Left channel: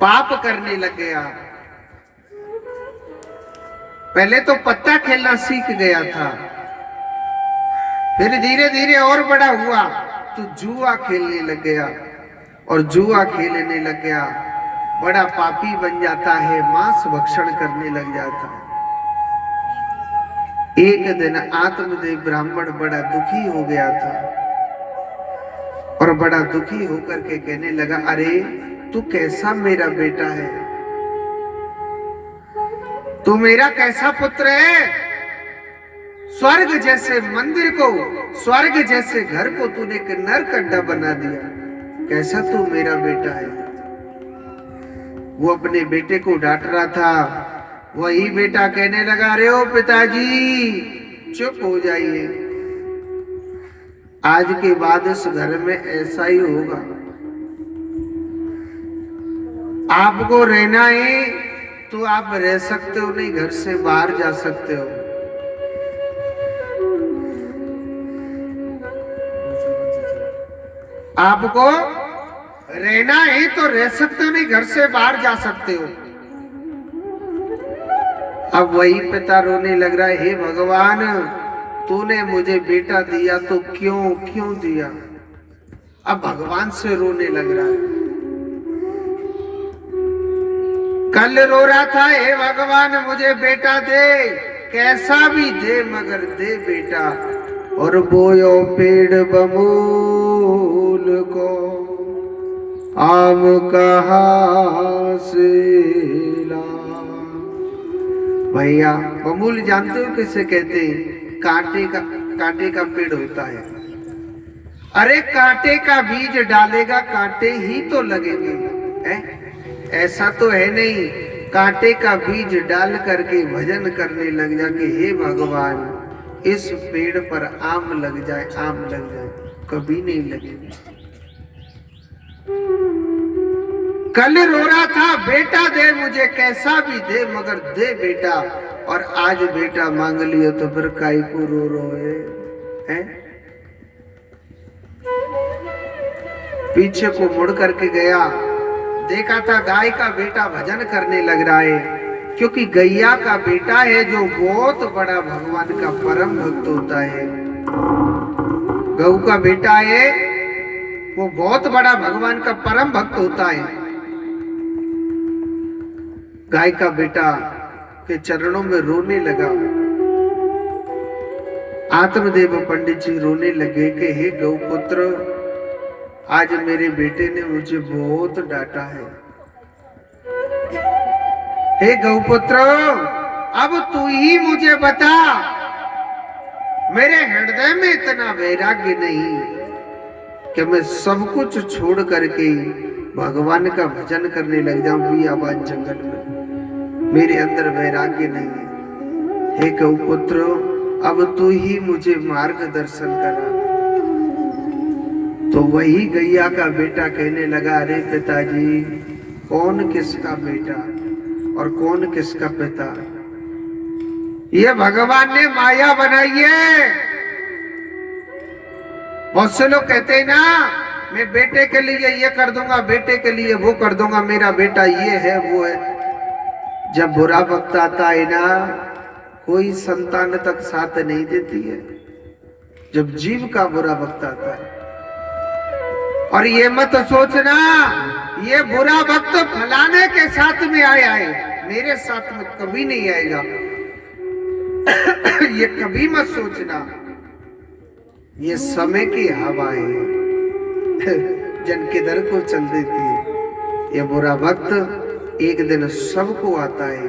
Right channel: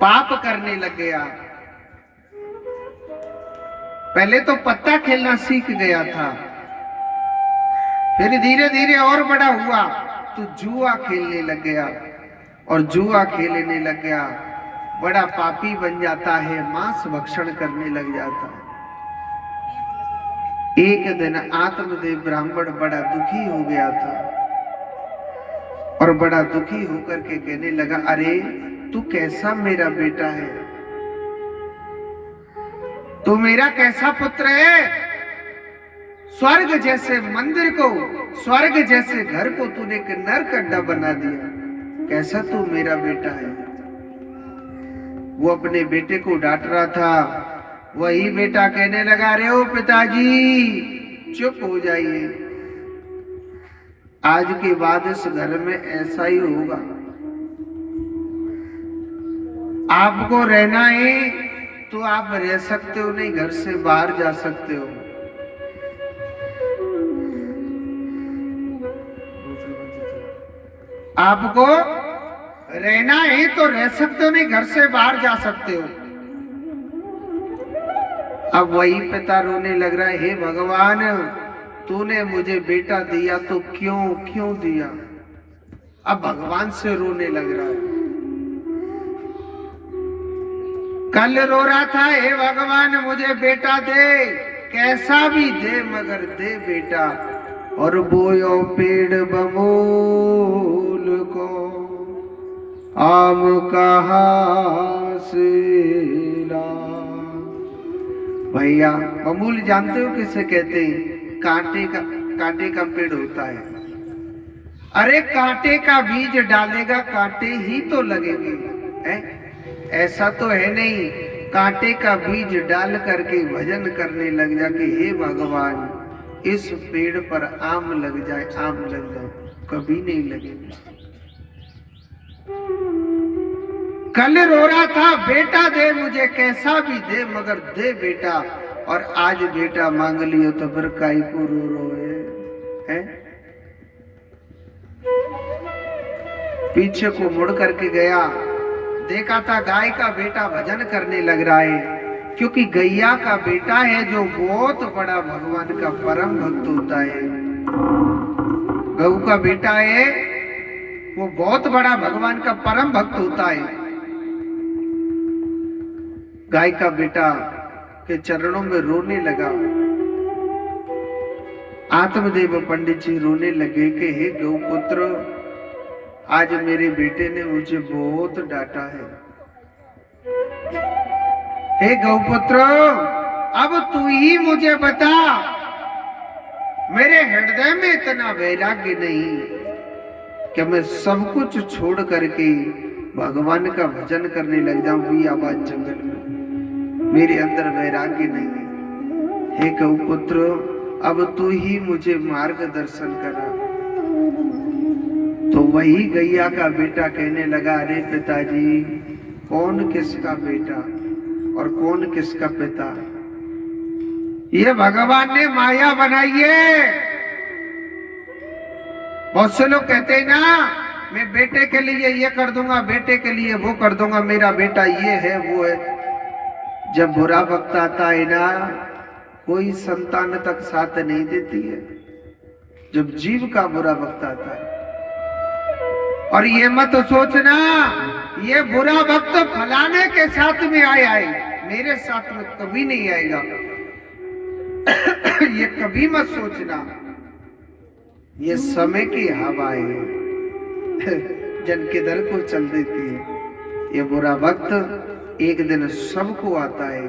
पाप करने लग गया। पहले तो पत्ता खेलना सीख गया था, फिर धीरे धीरे और बड़ा हुआ तो जुआ खेलने लग गया, और जुआ खेलने लग गया बड़ा पापी बन जाता है, मांस भक्षण करने लग जाता है। एक दिन आत्मदेव ब्राह्मण बड़ा दुखी हो गया था, और बड़ा दुखी होकर के कहने लगा, अरे तू कैसा मेरा बेटा है, तू मेरा कैसा पुत्र है। स्वर्ग जैसे मंदिर को, स्वर्ग जैसे घर को तूने एक नरक अड्डा बना दिया, कैसा तू मेरा बेटा है। वो अपने बेटे को डांट रहा था, वही बेटा कहने लगा, अरे ओ पिताजी चुप हो जाइए, आज के बाद इस घर में ऐसा ही होगा, आपको रहना है तो आप रह सकते हो, नहीं घर से बाहर जा सकते हो। आपको रहना है तो रह सकते हो, नहीं घर से बाहर जा सकते हो। अब वही पिता रोने लग रहा है, हे भगवान तूने मुझे बेटा दिया तो क्यों दिया। अब भगवान से रोने लग रहा है। कल रो रहा था, हे भगवान मुझे बेटा दे, कैसा भी दे मगर दे बेटा। और बोयो पेड़ बबूल को आम कहाँ से ला। भैया बबूल जानते हो किसे कहते हैं? कांटे का पेड़ होता है। अरे कांटे का बीज डालेगा कांटे ही तो लगेंगे, है? ऐसा तो है नहीं कांटे का बीज डाल करके भजन करने लग जा कि हे भगवान इस पेड़ पर आम लग जाए, आम लग जाए, कभी नहीं लगेगा। कल रो रहा था, बेटा दे मुझे कैसा भी दे मगर दे बेटा, और आज बेटा मांग लियो तो फिर काई को रो है? पीछे को मुड़ करके गया, देखा था गाय का बेटा भजन करने लग रहा है, क्योंकि गैया का बेटा है जो बहुत बड़ा भगवान का परम भक्त होता है। गऊ का बेटा है वो बहुत बड़ा भगवान का परम भक्त होता है। गाय का बेटा के चरणों में रोने लगा। आत्मदेव पंडित जी रोने लगे कि हे गौ पुत्र आज मेरे बेटे ने मुझे बहुत डांटा है। हे गौपुत्र अब तू ही मुझे बता, मेरे हृदय में इतना वैराग्य नहीं कि मैं सब कुछ छोड़ करके भगवान का भजन करने लग जाऊं बियाबान जंगल में, मेरे अंदर वैराग्य नहीं है। हे गौपुत्र अब तू ही मुझे मार्गदर्शन करा। तो वही गैया का बेटा कहने लगा, अरे पिताजी कौन किसका बेटा और कौन किसका पिता, ये भगवान ने माया बनाई है। बहुत से लोग कहते हैं ना मैं बेटे के लिए ये कर दूंगा, बेटे के लिए वो कर दूंगा, मेरा बेटा ये है वो है। जब बुरा वक्त आता है ना कोई संतान तक साथ नहीं देती है, जब जीव का बुरा वक्त आता है। और ये मत सोचना ये बुरा वक्त फलाने के साथ में आया है, मेरे साथ में कभी नहीं आएगा। ये कभी मत सोचना, ये समय की हवा है जन किधर को चल देती है। ये बुरा वक्त एक दिन सबको आता है,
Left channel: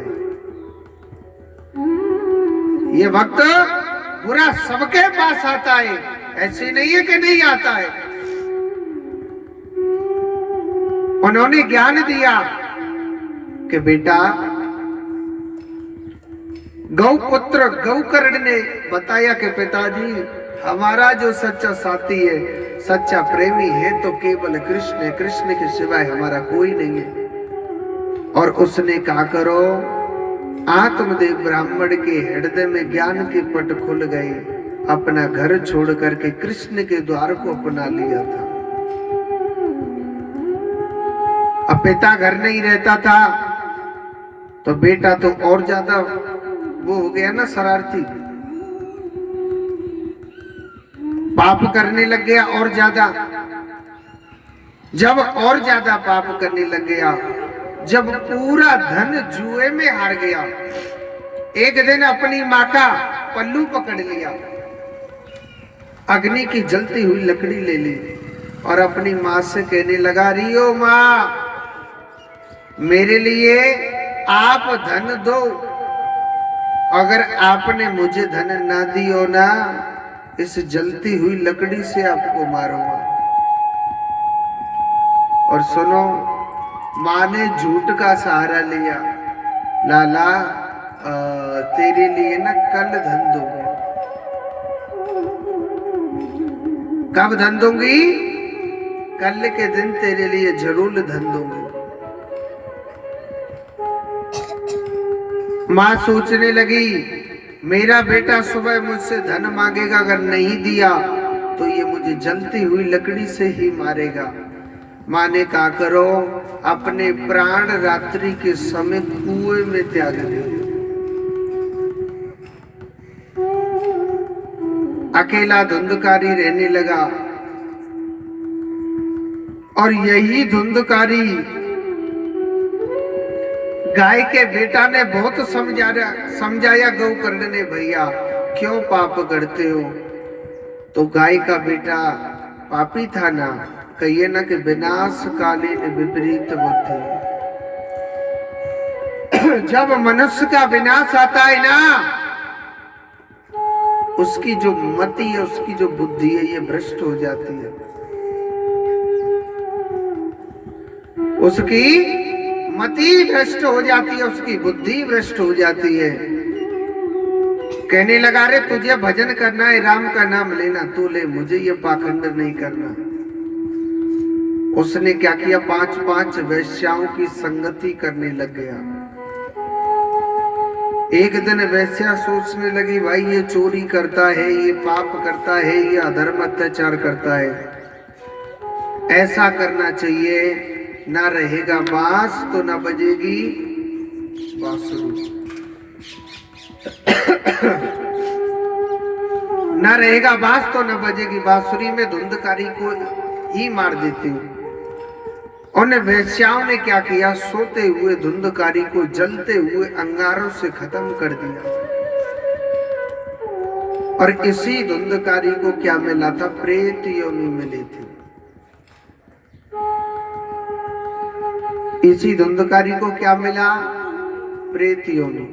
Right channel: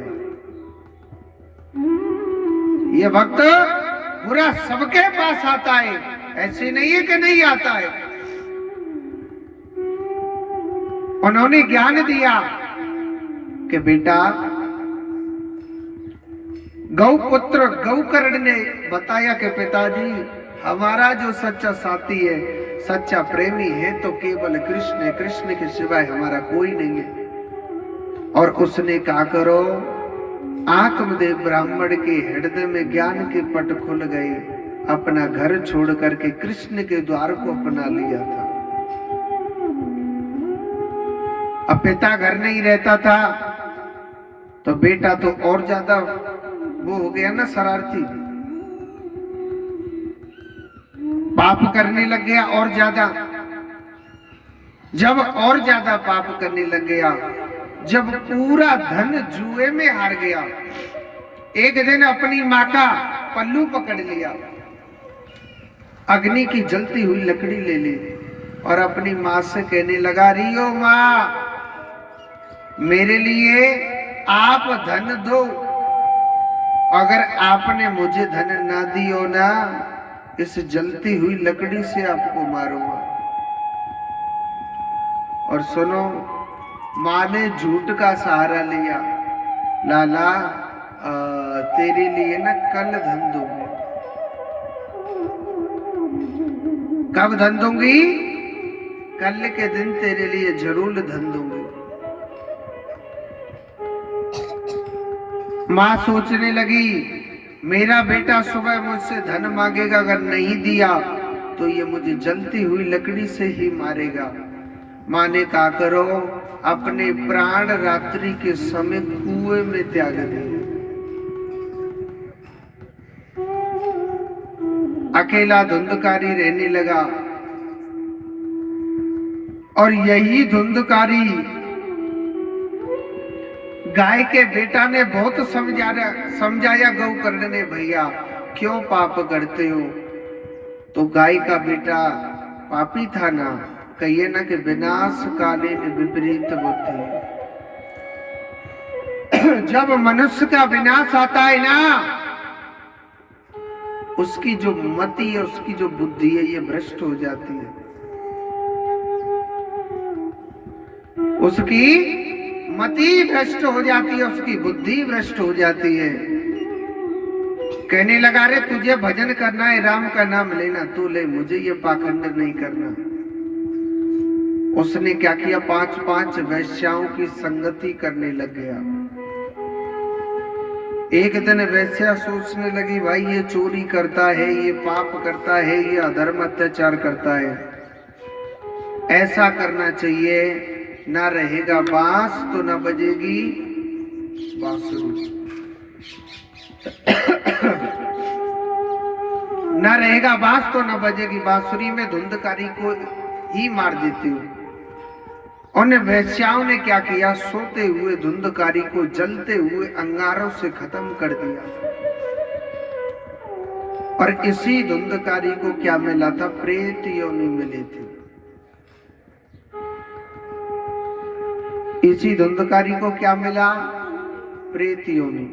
ये वक्त बुरा सबके पास आता है, ऐसे नहीं है कि नहीं आता है। उन्होंने ज्ञान दिया कि बेटा गौपुत्र गौकर्ण ने बताया कि पिताजी हमारा जो सच्चा साथी है, सच्चा प्रेमी है तो केवल कृष्ण है, कृष्ण के सिवाय हमारा कोई नहीं है। और उसने कहा करो, आत्मदेव ब्राह्मण के हृदय में ज्ञान के पट खुल गए, अपना घर छोड़ करके कृष्ण के द्वार को अपना लिया था। अब पिता घर नहीं रहता था तो बेटा तो और ज्यादा वो हो गया ना, शरारती, पाप करने लग गया और ज्यादा। जब और ज्यादा पाप करने लग गया, जब पूरा धन जुए में हार गया, एक दिन अपनी माँ का पल्लू पकड़ लिया, अग्नि की जलती हुई लकड़ी ले ली और अपनी माँ से कहने लगा, रियो माँ, मेरे लिए आप धन दो, अगर आपने मुझे धन ना दियो ना, इस जलती हुई लकड़ी से आपको मारूंगा। और सुनो, माँ ने झूठ का सहारा लिया, लाला तेरे लिए ना कल धन दूंगी। कब धन दूंगी? कल के दिन तेरे लिए जरूर धन दूंगी। माँ सोचने लगी, मेरा बेटा सुबह मुझसे धन मांगेगा, अगर नहीं दिया तो ये मुझे जलती हुई लकड़ी से ही मारेगा। माँ ने कहा, करो, अपने प्राण रात्रि के समय कुएं में त्याग दिए। अकेला धुंधकारी रहने लगा और यही धुंधकारी गाय के बेटा ने बहुत समझाया गौकर्ण ने, भैया क्यों पाप करते हो? तो गाय का बेटा पापी था ना, कहिए ना कि विनाशकालीन विपरीत बुद्धि। जब मनुष्य का विनाश आता है ना, उसकी जो मति है, उसकी जो बुद्धि है, ये भ्रष्ट हो जाती है। उसकी मति भ्रष्ट हो जाती है, उसकी बुद्धि भ्रष्ट हो जाती है। कहने लगा, रे तुझे भजन करना है, राम का नाम लेना, तू ले, मुझे ये पाखंड नहीं करना। उसने क्या किया, 5-5 वैश्याओं की संगति करने लग गया। एक दिन वैश्या सोचने लगी, भाई ये चोरी करता है, ये पाप करता है, ये अधर्म अत्याचार करता है, ऐसा करना चाहिए, ना रहेगा बांस तो ना बजेगी बांसुरी। ना रहेगा बांस तो ना बजेगी बांसुरी में धुंधकारी को ही मार देती हूँ। उन वैश्याओं ने क्या किया, सोते हुए धुंधकारी को जलते हुए अंगारों से खत्म कर दिया। और इसी धुंधकारी को क्या मिला था, प्रेत योनि मिली थी। इसी धुंधकारी को क्या मिला, प्रेत योनि।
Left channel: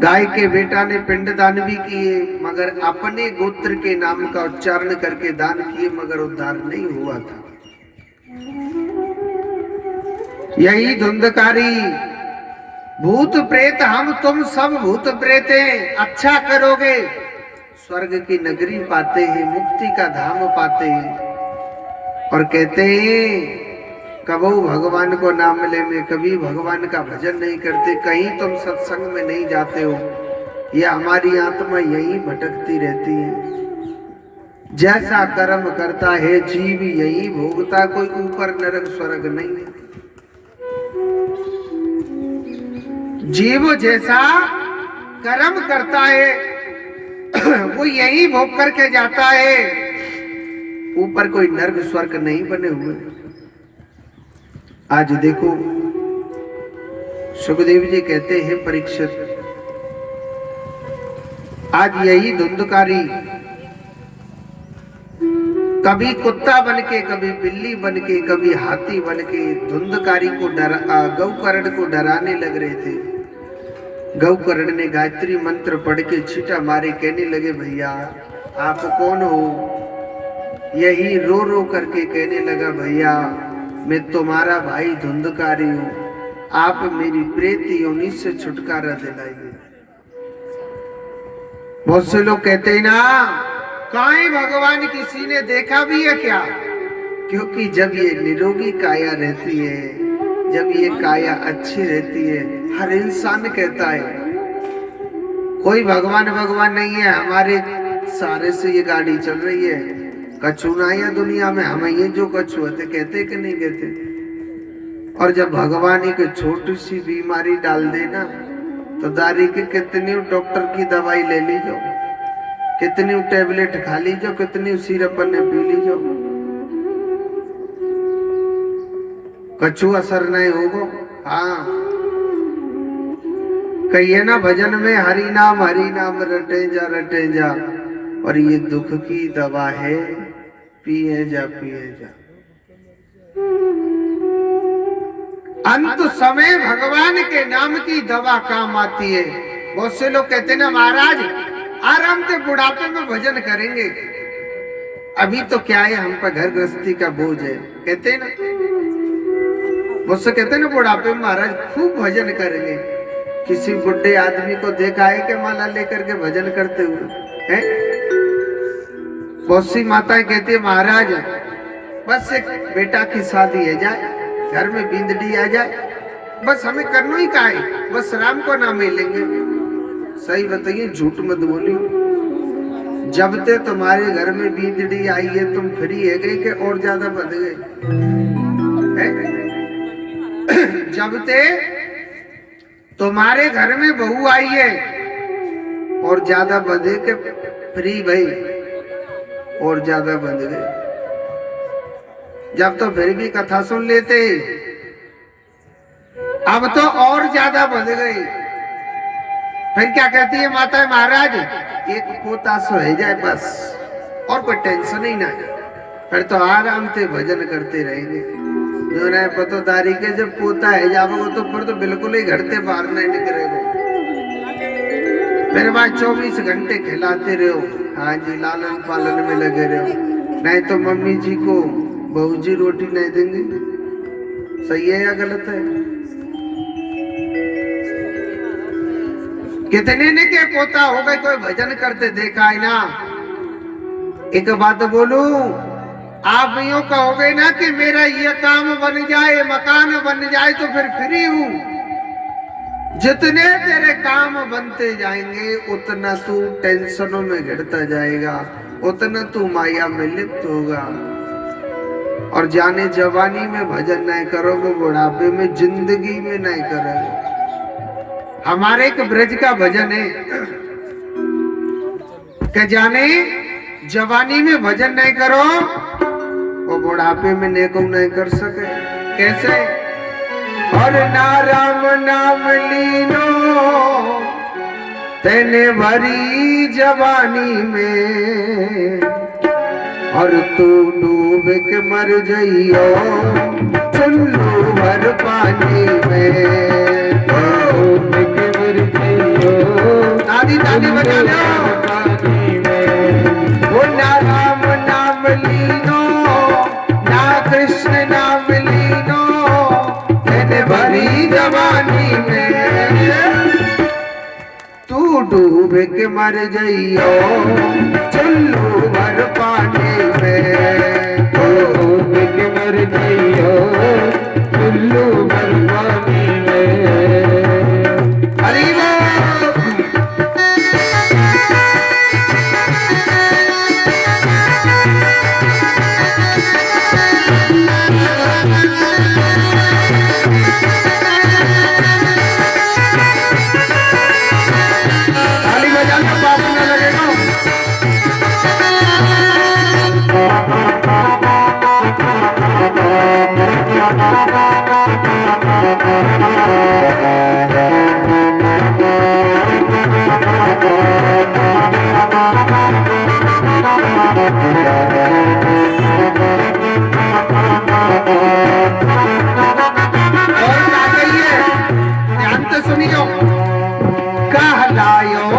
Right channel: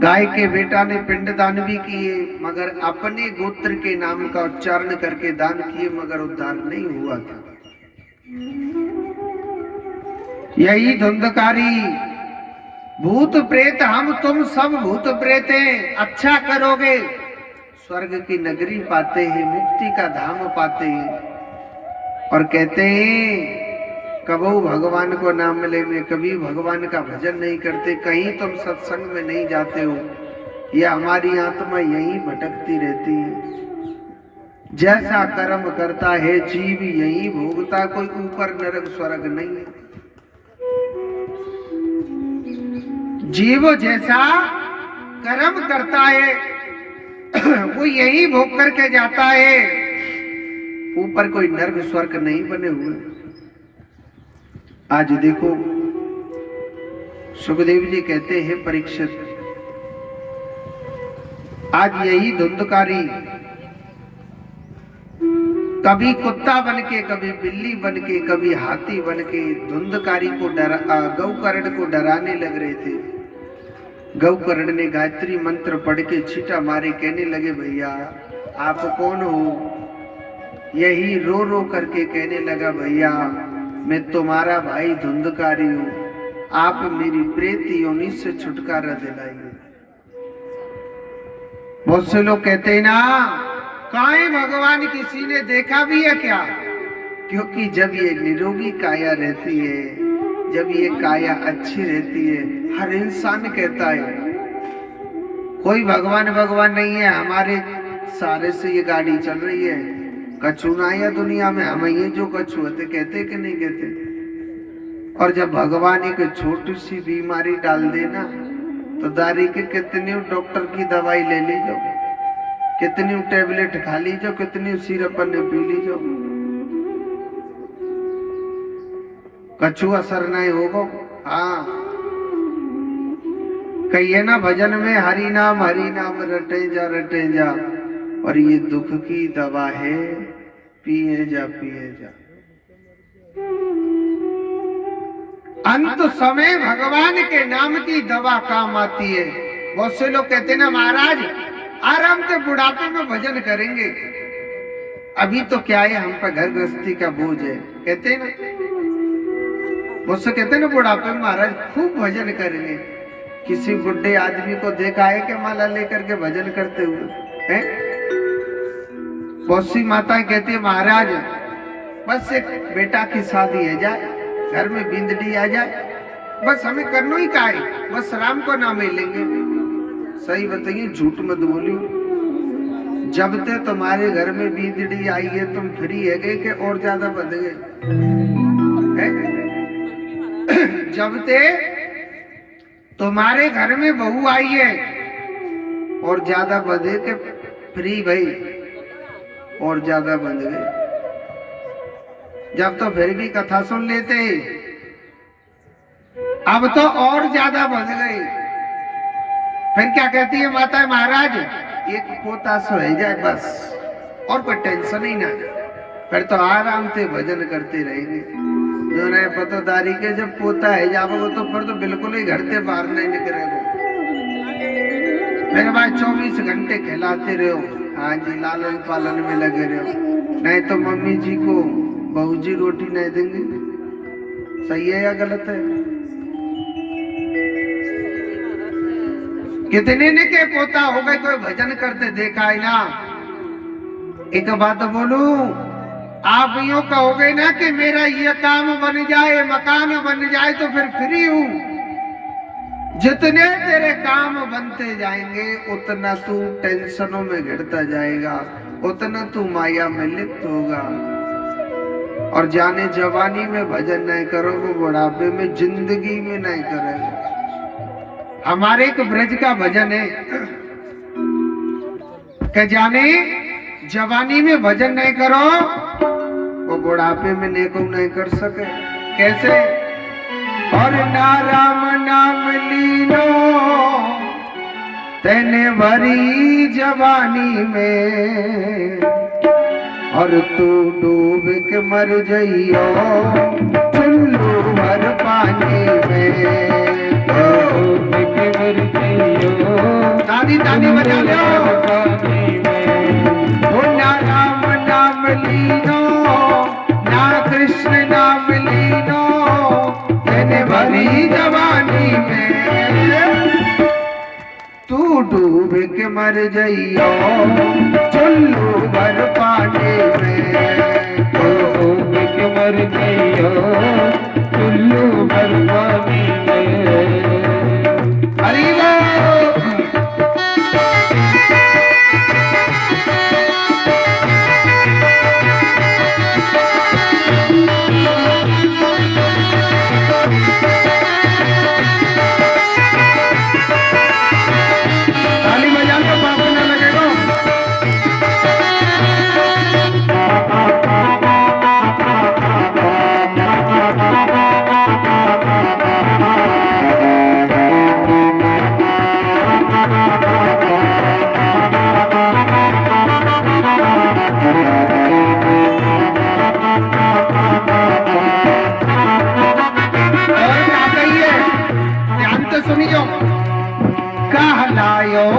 गाय के बेटा ने पिंडदान भी किए, मगर अपने गोत्र के नाम का उच्चारण करके दान किए, मगर उद्धार नहीं हुआ था। यही धुंधकारी भूत प्रेत, हम तुम सब भूत प्रेत हैं, अच्छा करोगे स्वर्ग की नगरी पाते हैं, मुक्ति का धाम पाते हैं। और कहते हैं, कबो भगवान को नाम ले में, कभी भगवान का भजन नहीं करते, कहीं तुम सत्संग में नहीं जाते हो, ये हमारी आत्मा यहीं भटकती रहती है। जैसा कर्म करता है जीव यही भोगता, कोई ऊपर नरक स्वर्ग नहीं है। जीव जैसा कर्म करता है वो यही भोग करके जाता है, ऊपर कोई नरक स्वर्ग नहीं बने हुए। आज देखो, सुखदेव जी कहते हैं, परीक्षित, आज यही धुंधकारी कभी कुत्ता बनके, कभी बिल्ली बनके, कभी हाथी बनके धुंधकारी को गौकर्ण को डराने लग रहे थे। गौकर्ण ने गायत्री मंत्र पढ़ के छीटा मारे, कहने लगे, भैया आप कौन हो? यही रो रो करके कहने लगा, भैया मैं तुम्हारा भाई धुंधकारी हूं, आप मेरी प्रेत योनि से छुटकारा दिलाइए। बहुत से लोग कहते हैं ना, काहे भगवान किसी ने देखा भी है क्या? क्योंकि जब ये निरोगी काया रहती है, जब ये काया अच्छी रहती है, हर इंसान कहता है कोई भगवान भगवान नहीं है, हमारे सारे से ये गाड़ी चल रही है, कछु ना या दुनिया में, हमें ये जो कछु होते कहते कि नहीं कहते। और जब भगवान एक छोटी सी बीमारी डाल देना तो दारी के कितनी डॉक्टर की दवाई ले ली जाओ, कितनी टेबलेट खा ली जाओ, कितनी सिरप ने पी ली जाओ, कछु असर नहीं होगा। हाँ, कहिए ना भजन में हरि नाम रटे जा, और ये दुख की दवा है, पिए जा। अंत समय भगवान के नाम की दवा काम आती है। बहुत से लोग कहते हैं ना महाराज आराम से बुढ़ापे में भजन करेंगे, अभी तो क्या है हम पर घर गृहस्थी का बोझ है, कहते हैं ना। बहुत से कहते हैं ना बुढ़ापे में महाराज खूब भजन करेंगे। किसी बुढ़े आदमी को देखा है कि माला लेकर के भजन करते हुए हैं? बहुत सी माताएं कहती है महाराज बस एक बेटा की शादी है जाए, घर में बिंदड़ी आ जाए, बस हमें करना ही का है, बस राम को नाम ले लेंगे। सही बताइए, झूठ मत बोली। जब ते तुम्हारे घर में बिंदड़ी आई है तुम फ्री है गए कि और ज्यादा बढ़ गए? जब ते तुम्हारे घर में बहू आई है और ज्यादा बढ़े के फ्री भाई और ज्यादा बंध गए। जब तो फिर भी कथा सुन लेते, अब तो और ज्यादा बढ़ गए। फिर क्या कहती है माता महाराज एक पोता सो है जाए बस, और कोई टेंशन ही ना, फिर तो आराम से भजन करते रहेंगे। जो ना पतोदारी के जब पोता है जाओगे तो फिर तो बिल्कुल ही घर से बाहर नहीं निकलेगा। फिर वहां 24 घंटे खिलाते रहो, हाँ जी, लालन पालन में लगे रहो, नहीं तो मम्मी जी को बहू जी रोटी नहीं देंगे। सही है या गलत है? कितने ने क्या पोता हो गए कोई भजन करते देखा है ना। एक बात बोलूं, आप यूं कहोगे ना कि मेरा ये काम बन जाए, मकान बन जाए तो फिर फ्री हूं। जितने तेरे काम बनते जाएंगे उतना तू टेंशनों में घिरता जाएगा, उतना तू माया में लिप्त होगा। और जाने जवानी में भजन नहीं करो वो बुढ़ापे में जिंदगी में नहीं करेगा। हमारे एक ब्रज का भजन है कि जाने जवानी में भजन नहीं करो वो बुढ़ापे में नेको नहीं कर सके। कैसे? और ना राम नाम लीनो तेने भरी जवानी में, और तू डूब के मर जइयो चुल्लू भर पानी में। डूब के मर जइयो, ताली ताली बजा लो, पानी में। वो ना राम नाम लीनो ना कृष्ण नाम लीनो तेने भरी जवानी में, तू डूब के मर जइयो चुल्लू भर पानी में। डूब के मर जइयो चुल्लू भर पानी में। हरि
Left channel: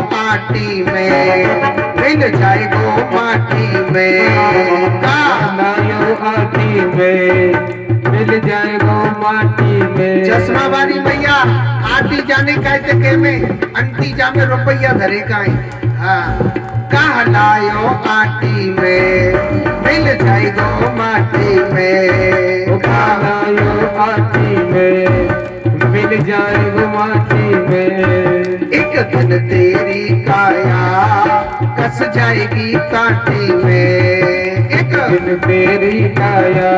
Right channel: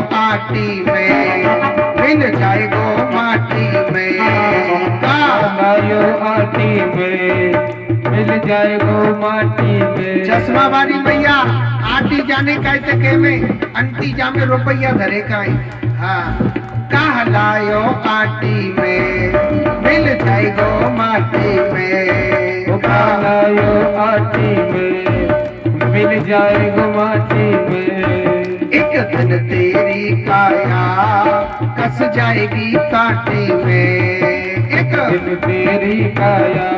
माटी में मिल जाएगो माटी में, कालो आटी में मिल जाएगो माटी में। चश्मा वाली भैया आटी जाने कहते के में अंटी जामे रुपया धरे का है। हाँ, कहलायो आटी में मिल जाएगो माटी में, कहलायो आटी में मिल जाएगो माटी में। एक दिन तेरी काया कस जाएगी काटी में, एक दिन तेरी काया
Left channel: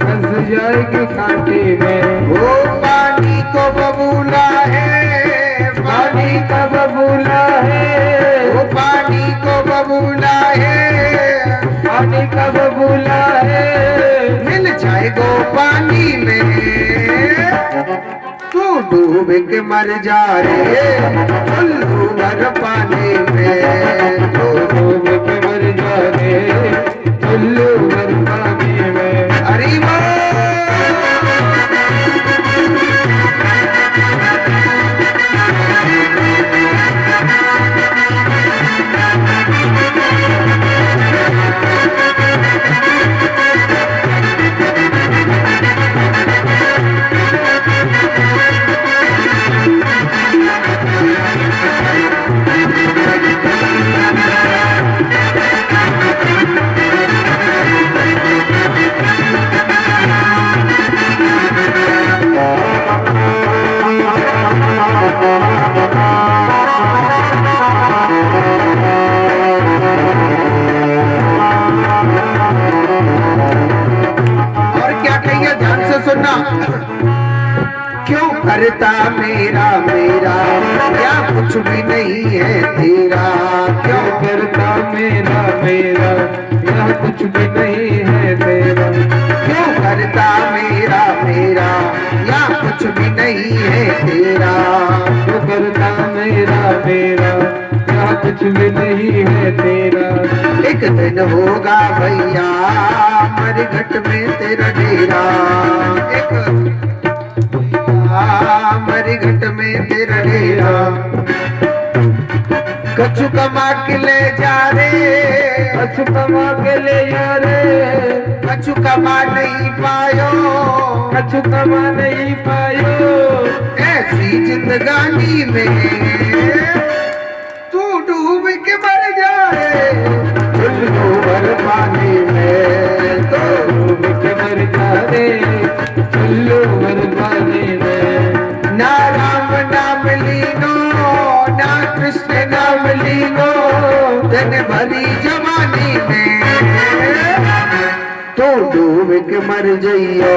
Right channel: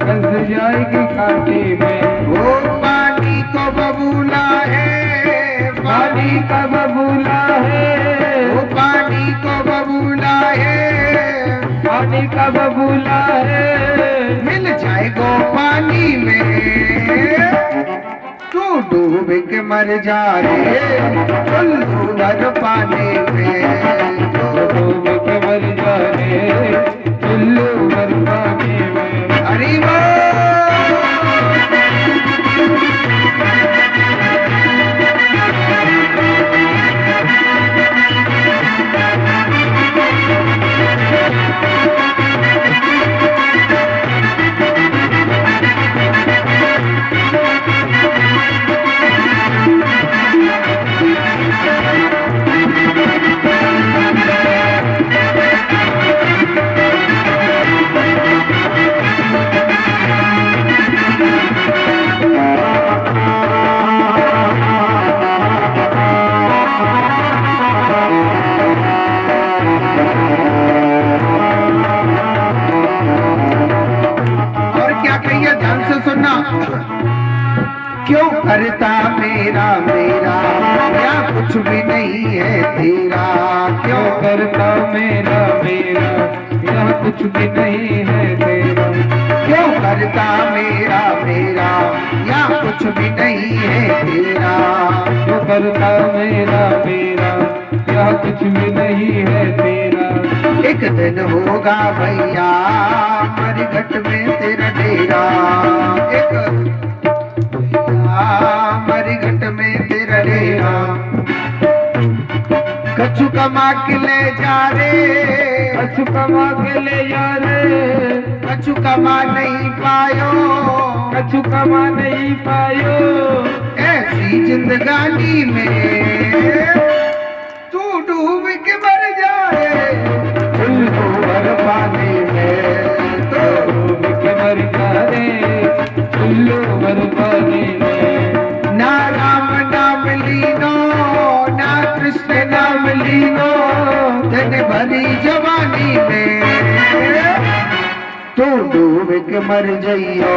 फंस जाएगी कांटे में। वो पानी को बबूला है, पानी का बबूला है, वो पानी को बबूला है, पानी का बबूला है। मिल जाएगा पानी में, तू डूब के मर जा रे चुल्लू भर पानी में, तू डूब के मर जा रे चुल्लू भर पानी में। हरी बोल। क्यों करता मेरा मेरा या कुछ भी नहीं है तेरा, क्यों करता मेरा मेरा यह कुछ भी नहीं है तेरा। क्यों करता मेरा मेरा या कुछ भी नहीं है तेरा, क्यों करता मेरा मेरा यह कुछ भी नहीं है तेरा। एक दिन होगा भैया मरघट में तेरा डेरा, एक मरघट में तेरा डेरा। कछु कमा के ले जा रे, कछु कमा के ले जा रे, कछु कमा नहीं पायो, कछु कमा नहीं पायो। ऐसी जिंदगानी में तू डूब के मर जाए चुल्लू भर पानी में, तो डूब के मर जा रे चुल्लू भर पानी में। ना राम नाम लीनो ना कृष्ण नाम लीनो दिन भरी जवानी में, तू डूब के मर जइयो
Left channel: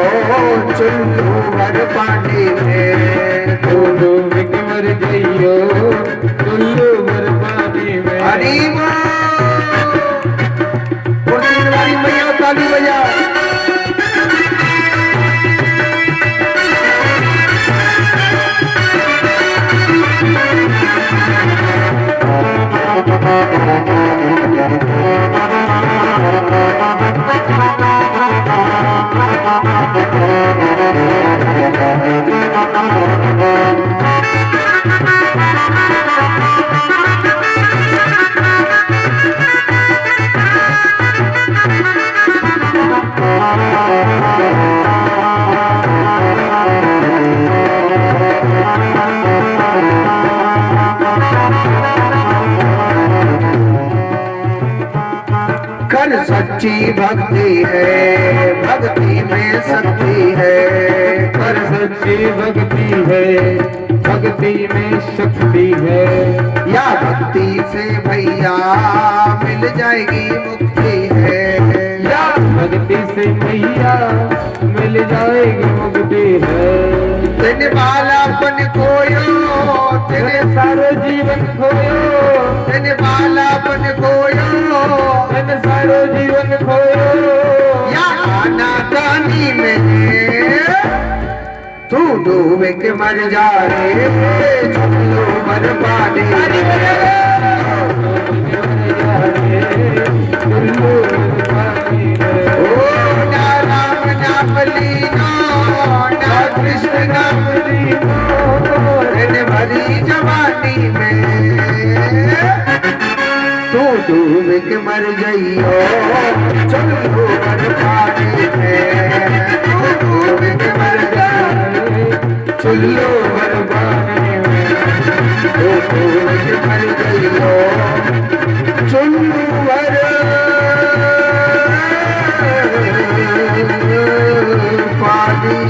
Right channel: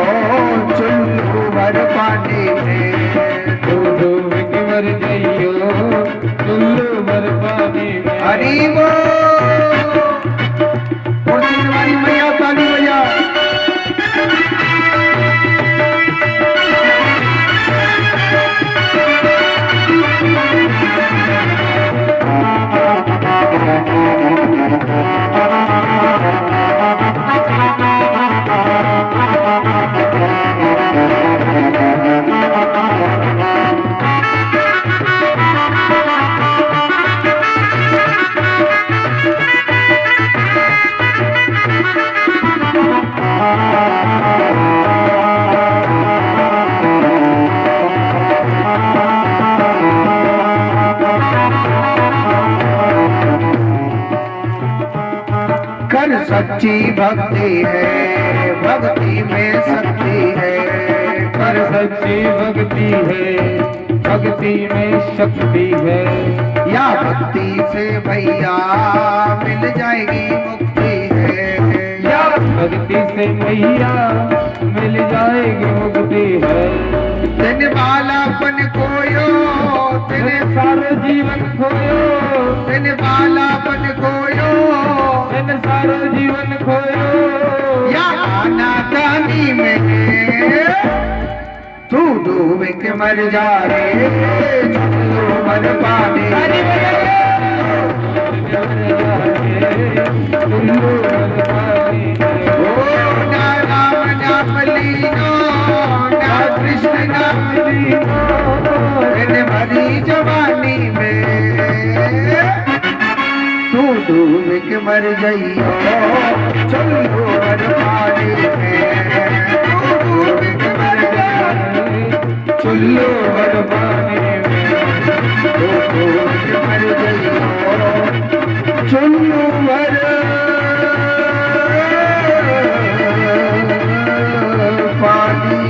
चुल्लू भर पानी में, तू डूब के मर जइयो चुल्लू भर पानी में। हरी बोल। कुर्सी वाली मैया ताली बजा। कर सच्ची भक्ति है, भक्ति में शक्ति है, कर सच्ची भक्ति है, भक्ति में शक्ति है। या भक्ति से भैया मिल जाएगी मुक्ति है, या भक्ति से भैया मिल जाएगी मुक्ति है। तेने बालापन खोयो, तेरे सारो जीवन खोयो, तेने बालापन खोयो, तेरे सारो जीवन खोयो। या खाना दानी में तू डूब के मर जा रे चुल्लू भर पानी में, चुल्लू भर पानी में। ओ ना राम नाम लीनो ना कृष्ण नाम लीनो दिन भरी जवानी में, तू डूब के मर जइयो चुल्लू भर पानी में, तू डूब के मर जाए चुल्लू भर पानी में, तू डूब के मर जइयो चुल्लू भर पानी।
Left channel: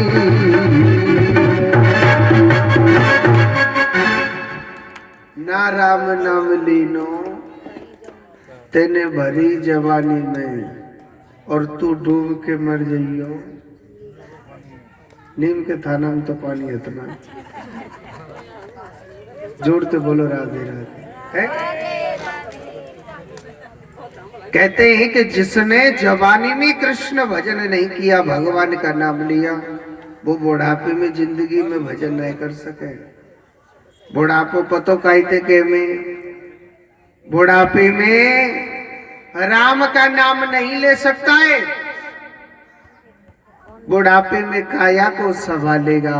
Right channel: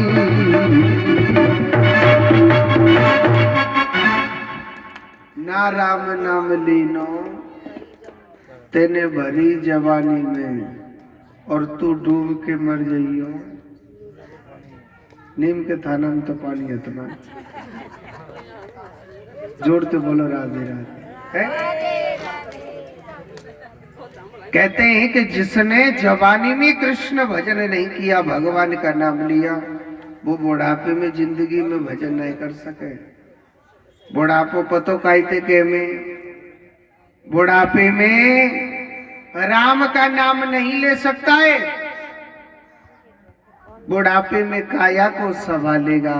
ना राम नाम लीनो तेने भरी जवानी में। और तू डूब के मर जाइयो। नीम के थाना में तो पानी इतना, जोर से बोलो राधे राधे है। कहते हैं कि जिसने जवानी में कृष्ण भजन नहीं किया, भगवान का नाम लिया, वो बुढ़ापे में जिंदगी में भजन नहीं कर सके। बुढ़ापो पतो कहते के में, बुढ़ापे में राम का नाम नहीं ले सकता है। बुढ़ापे में काया को संभालेगा,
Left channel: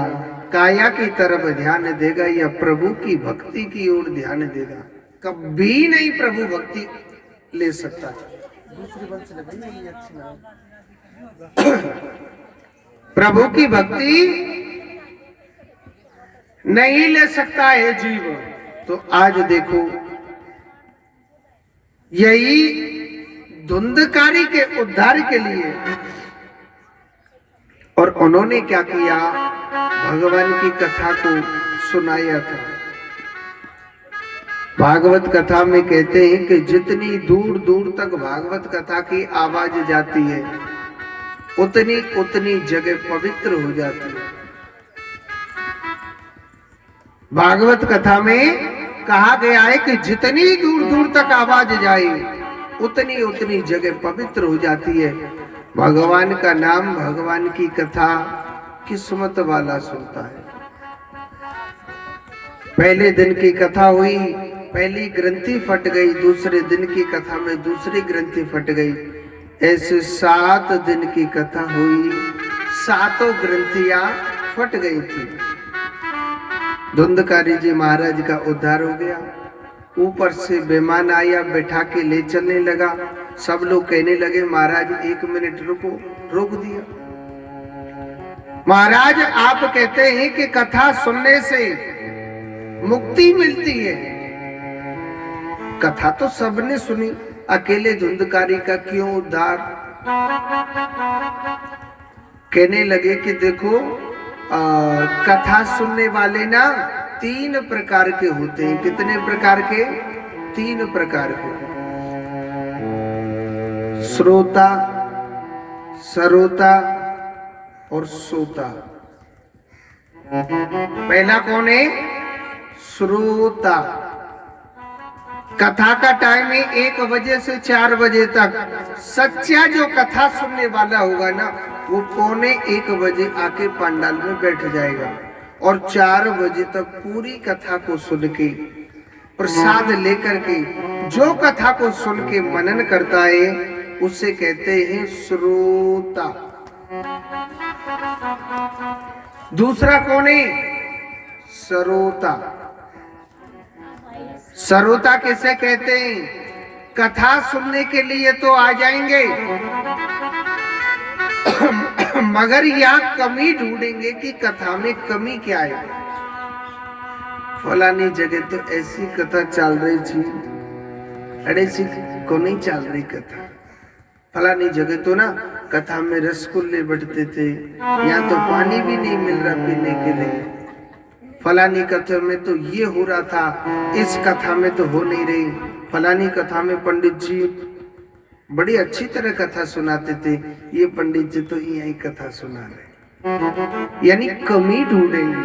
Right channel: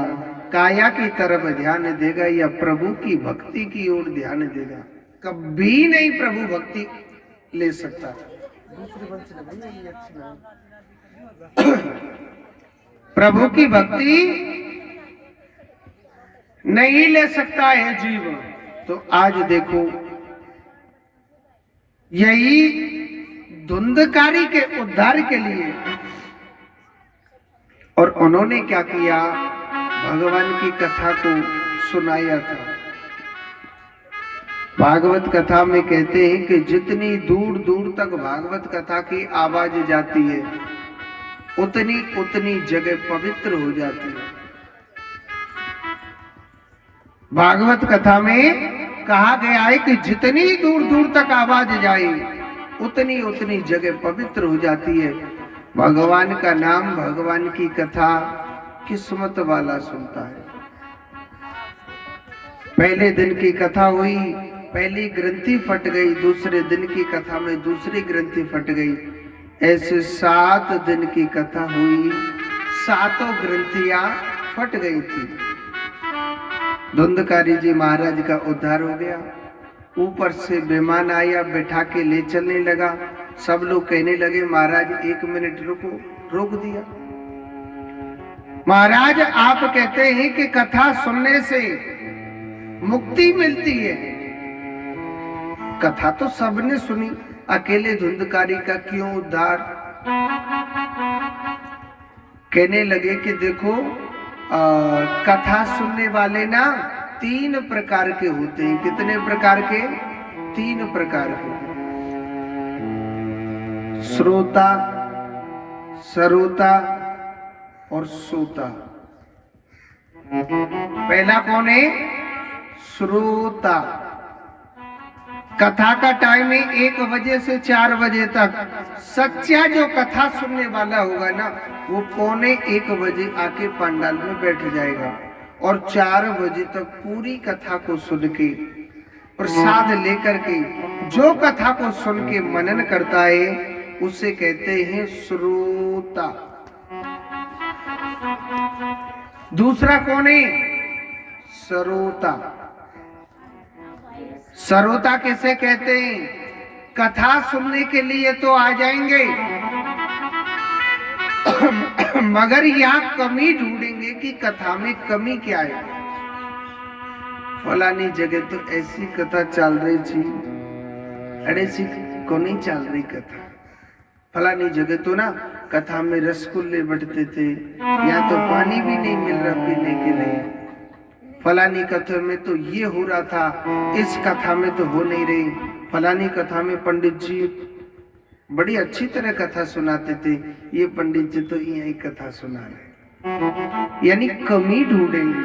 काया की तरफ ध्यान देगा या प्रभु की भक्ति की ओर ध्यान देगा। कभी नहीं प्रभु भक्ति ले सकता। प्रभु की भक्ति नहीं ले सकता है जीव। तो आज देखो, यही धुंधकारी के उद्धार के लिए, और उन्होंने क्या किया, भगवान की कथा को सुनाया था। भागवत कथा में कहते हैं कि जितनी दूर दूर तक भागवत कथा की आवाज जाती है, उतनी उतनी जगह पवित्र हो जाती है। भागवत कथा में कहा गया है कि जितनी दूर दूर तक आवाज जाए, उतनी उतनी जगह पवित्र हो जाती है। भगवान का नाम, भगवान की कथा किस्मत वाला सुनता है। पहले दिन की कथा हुई, पहली ग्रंथि फट गई, दूसरे दिन की कथा में दूसरी ग्रंथि फट गई। ऐसे 7 दिन की कथा हुई, 7 ग्रंथियां फट गई थी। धुंधकारी जी महाराज का उद्धार हो गया। ऊपर से बेमान आया, बैठा के ले चलने लगा। सब लोग कहने लगे महाराज 1 मिनट रुको, रोक दिया। महाराज आप कहते हैं कि कथा सुनने से मुक्ति मिलती है। कथा तो सबने सुनी, अकेले धुंधकारी का क्यों उद्धार? कहने लगे कि देखो, कथा सुनने वाले ना 3 प्रकार के होते हैं। कितने प्रकार के? 3 प्रकार के। श्रोता, सरोता और सोता। पहला कौन है? श्रोता। कथा का टाइम है 1 बजे से 4 बजे तक। सच्चा जो कथा सुनने वाला होगा ना, वो 1:45 बजे आके पंडाल में बैठ जाएगा और 4 बजे तक पूरी कथा को सुन के, प्रसाद लेकर के, जो कथा को सुन के मनन करता है, उसे कहते हैं श्रोता। दूसरा कौन है? सरोता। सरोता किसे कहते हैं? कथा सुनने के लिए तो आ जाएंगे, मगर यह कमी ढूंढेंगे कि कथा में कमी क्या है। फलानी जगह तो ऐसी कथा चल रही थी, अरे सी को नहीं चल रही कथा। फलानी जगह तो ना कथा में रसगुल्ले बंटते थे, यहाँ तो पानी भी नहीं मिल रहा पीने के लिए। फलानी कथा में तो ये हो रहा था, इस कथा में तो हो नहीं रही। फलानी कथा में पंडित जी बड़ी अच्छी तरह कथा सुनाते थे, ये पंडित जी तो यही कथा सुना रहे। यानी कमी ढूंढेंगे,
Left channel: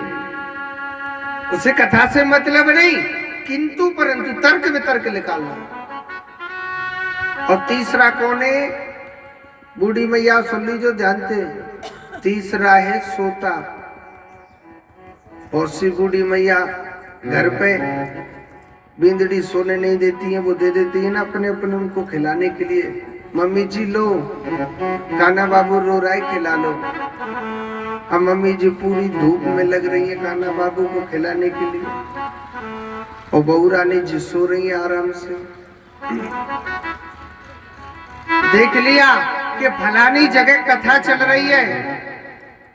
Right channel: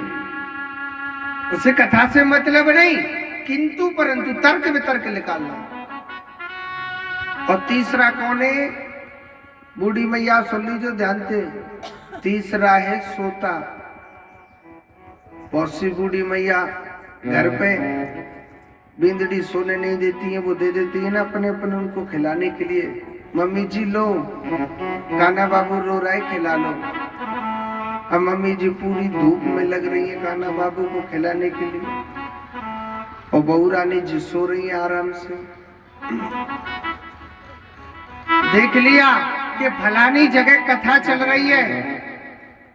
उसे कथा से मतलब नहीं, किंतु परंतु तर्क वितर्क निकालना। और तीसरा कौन है? बूढ़ी मैया सुन लीजिए ध्यान से। तीसरा है सोता। बहुत सी बूढ़ी मैया घर पे बिंदड़ी सोने नहीं देती है, वो दे देती है ना अपने अपने उनको खिलाने के लिए। मम्मी जी लो, कान्हा बाबू रो रहा है, खिला लो। अब मम्मी जी पूरी धूप में लग रही है कान्हा बाबू को खिलाने के लिए, और बहू रानी जी सो रही है आराम से। देख लिया कि फलानी जगह कथा चल रही है,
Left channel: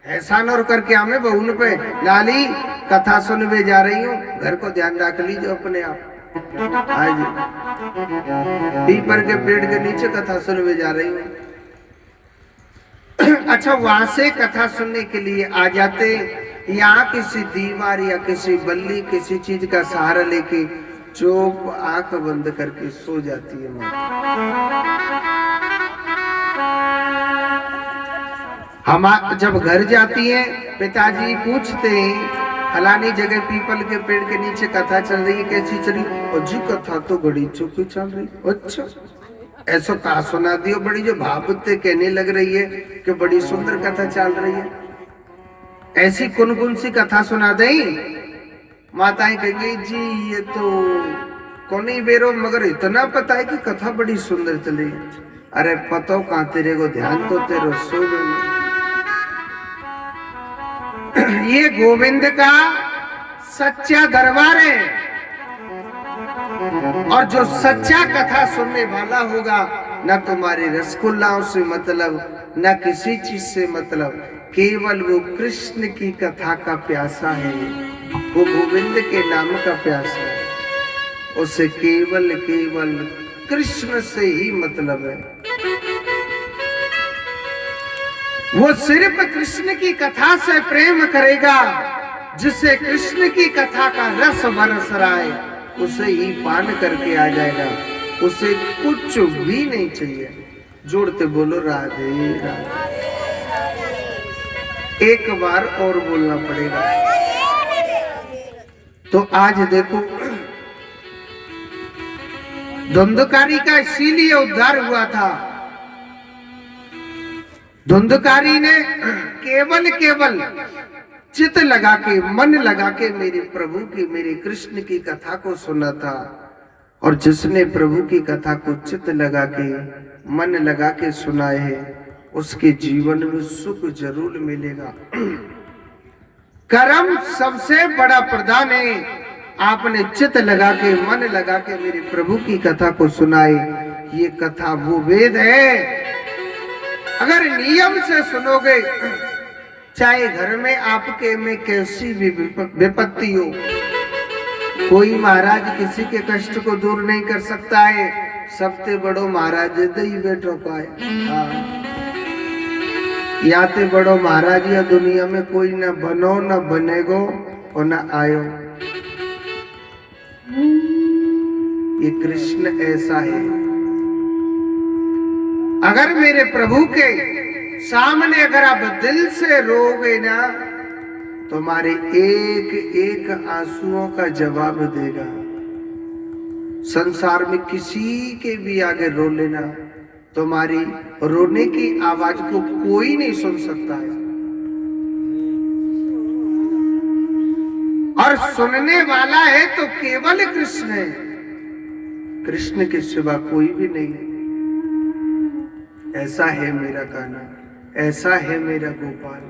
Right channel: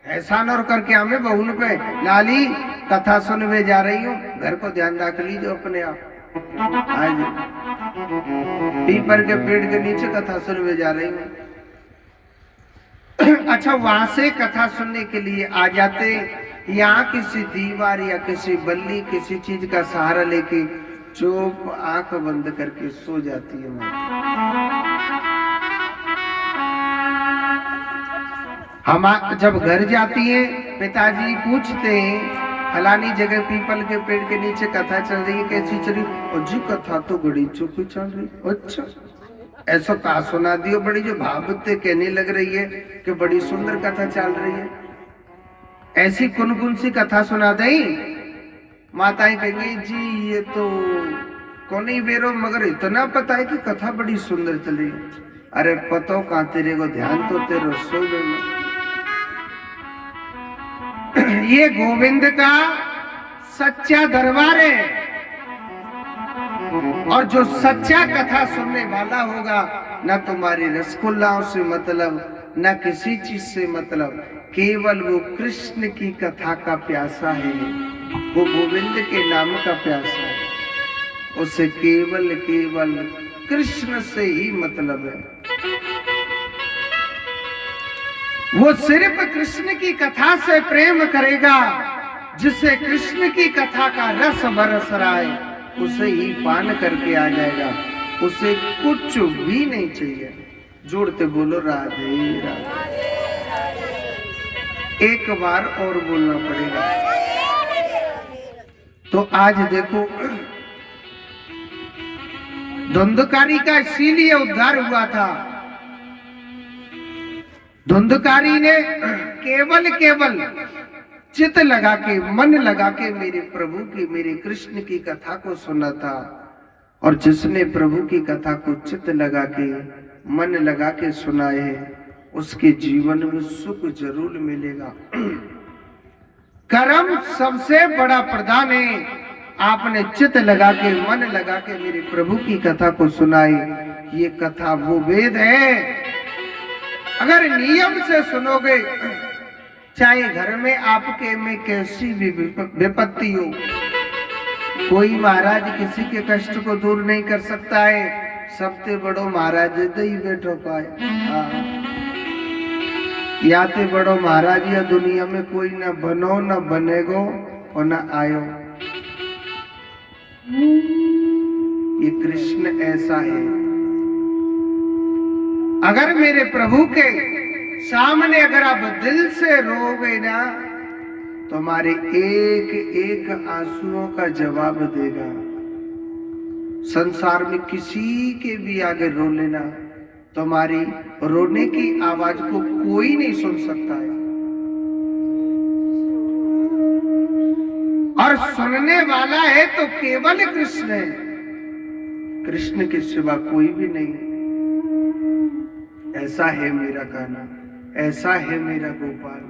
एहसान और करके हमें बहू पे, लाली कथा सुनने जा रही हूँ, घर को ध्यान रख लीजिए अपने आप। आज पीपर के पेड़ के नीचे कथा सुनने जा रही हूँ। अच्छा, वहां से कथा सुनने के लिए आ जाते, यहाँ किसी दीवार या किसी बल्ली किसी चीज का सहारा लेके चुप आंख बंद करके सो जाती है माँ। हम जब घर जाती हैं पिताजी पूछते हैं फलानी जगह पीपल के पेड़ के नीचे कथा चल रही है, कैसी चली? और जी कथा तो बड़ी चुपी चल रही। अच्छा, ऐसा कहा सुना दियो, बड़ी जो भावते कहने लग रही है कि बड़ी सुंदर कथा चल रही है, ऐसी कौन कौन सी कथा सुना दें? माताएं कहेंगी जी ये तो कौन ही बेरो, मगर इतना पता है कि कथा बड़ी सुंदर चली। अरे पतो कहां, तेरे को ध्यान तो तेरे सोबे में। ये गोविंद का सच्चा दरबार है, और जो सच्चा कथा सुनने वाला होगा ना तुम्हारे रसगुल्लाओं से मतलब, ना किसी चीज से मतलब, केवल वो कृष्ण की कथा का प्यासा है, वो गोविंद के नाम का प्यासा है, उसे केवल केवल कृष्ण से ही मतलब है। वो सिर्फ कृष्ण की कथा से प्रेम करेगा, जिसे कृष्ण की कथा का रस बरस रहा है उसे ही पान करके आ जाएगा, उसे कुछ भी नहीं चाहिए। जोड़ते बोलो राधे राधे। एक बार और बोलना पड़ेगा। तो आज देखो धुंधकारी का इसीलिए उद्धार हुआ था। धुंधकारी ने केवल केवल चित लगा के, मन लगा के मेरे प्रभु की, मेरे कृष्ण की कथा को सुना था, और जिसने प्रभु की कथा को चित लगा के, मन लगा के सुना है, उसके जीवन में सुख जरूर मिलेगा। कर्म सबसे बड़ा प्रदान है। आपने चित लगा के, मन लगा के मेरे प्रभु की कथा को सुनाए, ये कथा वो वेद है। अगर नियम से सुनोगे, चाहे घर में आपके में कैसी भी विपत्ति हो, कोई महाराज किसी के कष्ट को दूर नहीं कर सकता है। सबसे बड़ो महाराज ही बैठो पाए। या तो बड़ो महाराज या दुनिया में कोई न बनो, न बनेगो और न आयो। ये कृष्ण ऐसा है। अगर मेरे प्रभु के सामने अगर आप दिल से रोगे ना, तुम्हारे एक एक आंसुओं का जवाब देगा। संसार में किसी के भी आगे रो लेना, तुम्हारी रोने की आवाज को कोई नहीं सुन सकता है, और सुनने वाला है तो केवल कृष्ण है। कृष्ण के सिवा कोई भी नहीं। ऐसा है मेरा गाना, ऐसा है मेरा गोपाल।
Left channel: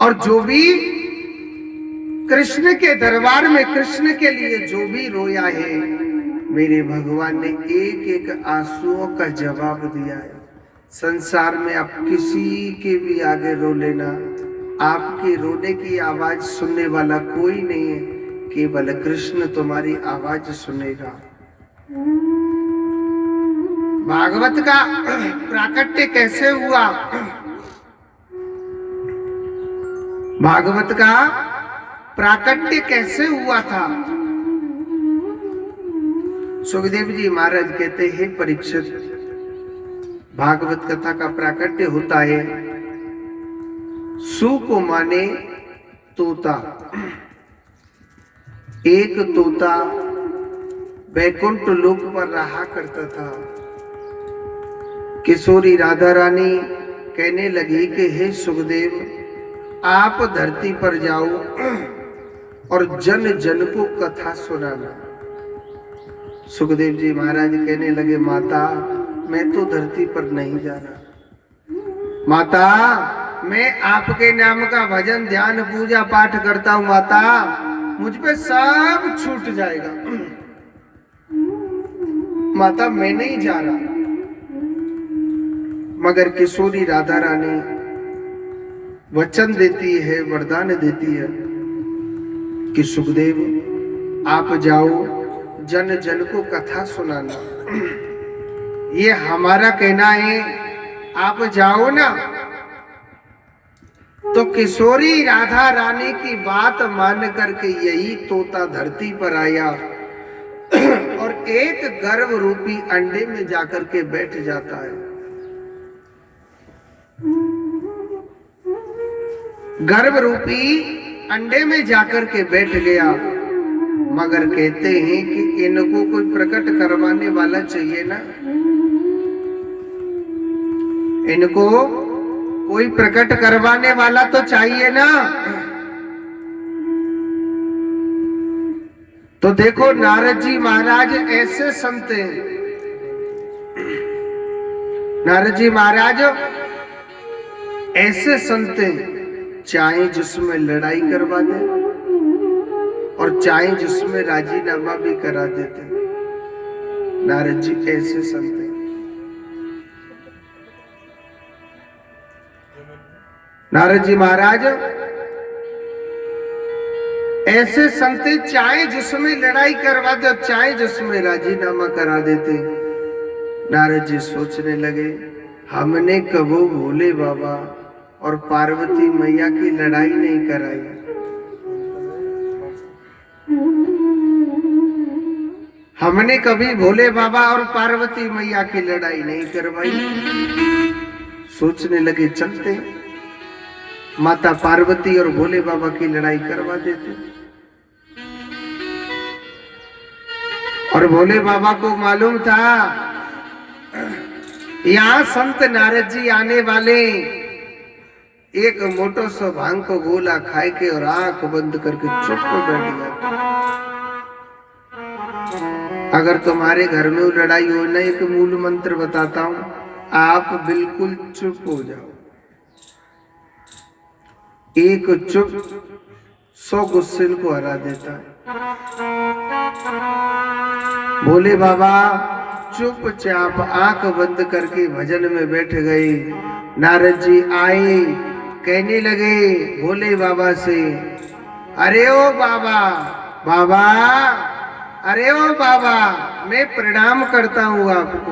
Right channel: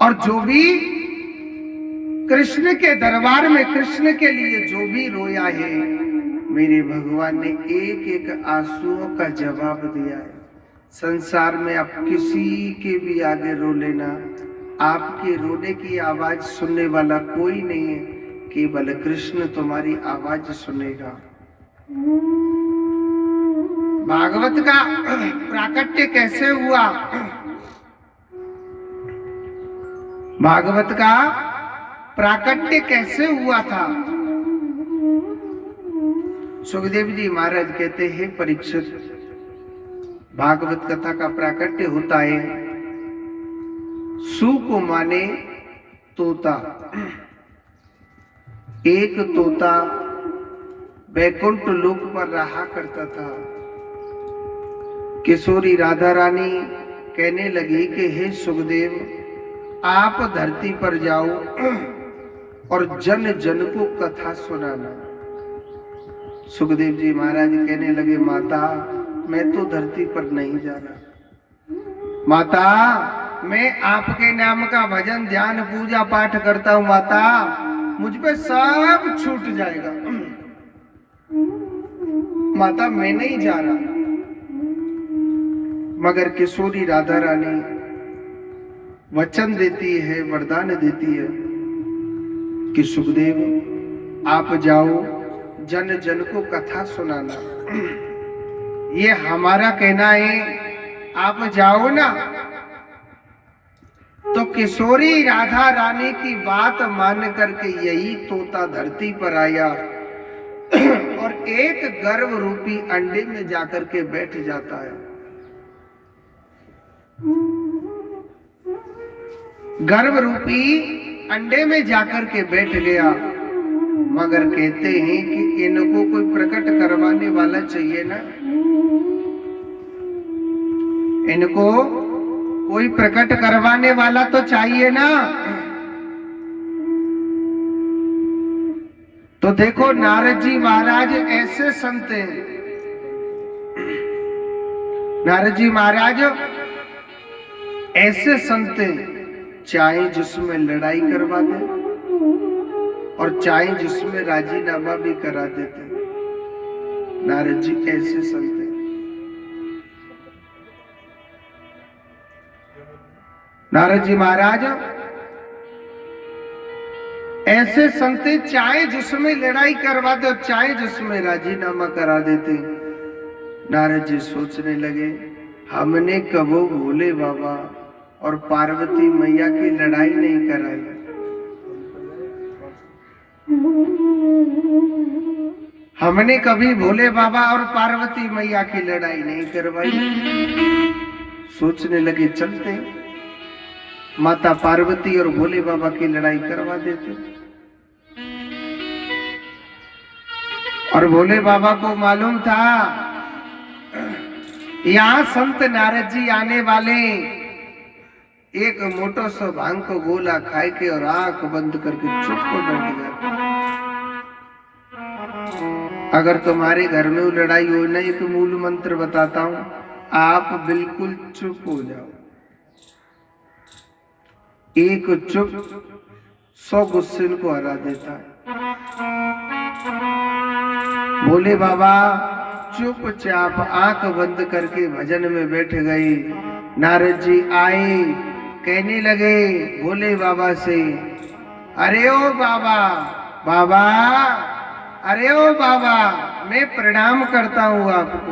और जो भी कृष्ण के दरबार में कृष्ण के लिए जो भी रोया है, मेरे भगवान ने एक एक आंसुओं का जवाब दिया है। संसार में आप किसी के भी आगे रो लेना, आपके रोने की आवाज सुनने वाला कोई नहीं है, केवल कृष्ण तुम्हारी आवाज सुनेगा। भागवत का प्राकट्य कैसे हुआ? भागवत का प्राकट्य कैसे हुआ था? सुखदेव जी महाराज कहते हैं, परीक्षित, भागवत कथा का प्राकट्य होता है। सु को माने तोता। एक तोता वैकुंठ लोक पर रहा करता था। किशोरी राधा रानी कहने लगी कि हे सुखदेव, आप धरती पर जाओ और जन जन को कथा सुनाना। सुखदेव जी महाराज कहने लगे, माता मैं तो धरती पर नहीं जाना। माता मैं आपके नाम का भजन ध्यान पूजा पाठ करता हूं। माता मुझ पे सब छूट जाएगा। माता मैं नहीं जा रहा। मगर किशोरी राधा रानी वचन देती है, वरदान देती है कि सुखदेव आप जाओ, जन जन को कथा सुनाना। ये हमारा कहना है, आप जाओ ना। तो किशोरी राधा रानी की बात मान करके यही तोता धरती पर आया और एक गर्भ रूपी अंडे में जाकर के बैठ जाता है। गर्भ रूपी अंडे में जाकर के बैठ गया। मगर कहते हैं कि इनको कोई प्रकट करवाने वाला चाहिए ना, इनको कोई प्रकट करवाने वाला तो चाहिए ना। तो देखो नारद जी महाराज ऐसे संत हैं। नारद जी महाराज ऐसे संत हैं, चाहे जिसमें लड़ाई करवा दे और चाहे जिसमें राजीनामा भी करा देते। नारद जी ऐसे संत हैं। नारद जी महाराज ऐसे संत, चाहे जिसमें लड़ाई करवा दे और चाहे जिसमें राजीनामा करा देते। नारद जी सोचने लगे, हमने कबो भोले बाबा और पार्वती मैया की लड़ाई नहीं कराई। हमने कभी भोले बाबा और पार्वती मैया की लड़ाई नहीं करवाई। सोचने लगे चलते माता पार्वती और भोले बाबा की लड़ाई करवा देते। और भोले बाबा को मालूम था यहाँ संत नारद जी आने वाले। एक मोटो सो भांग को गोला खाए के और आंख बंद करके चुप हो बैठ गया। अगर तुम्हारे घर में वो लड़ाई हो ना, एक मूल मंत्र बताता हूं, आप बिल्कुल चुप हो जाओ। एक चुप 100 गुस्से को हरा देता है। भोले बाबा चुपचाप आंख बंद करके भजन में बैठ गए। नारद जी आए, कहने लगे भोले बाबा से, अरे ओ बाबा, बाबा, अरे ओ बाबा, मैं प्रणाम करता हूँ आपको।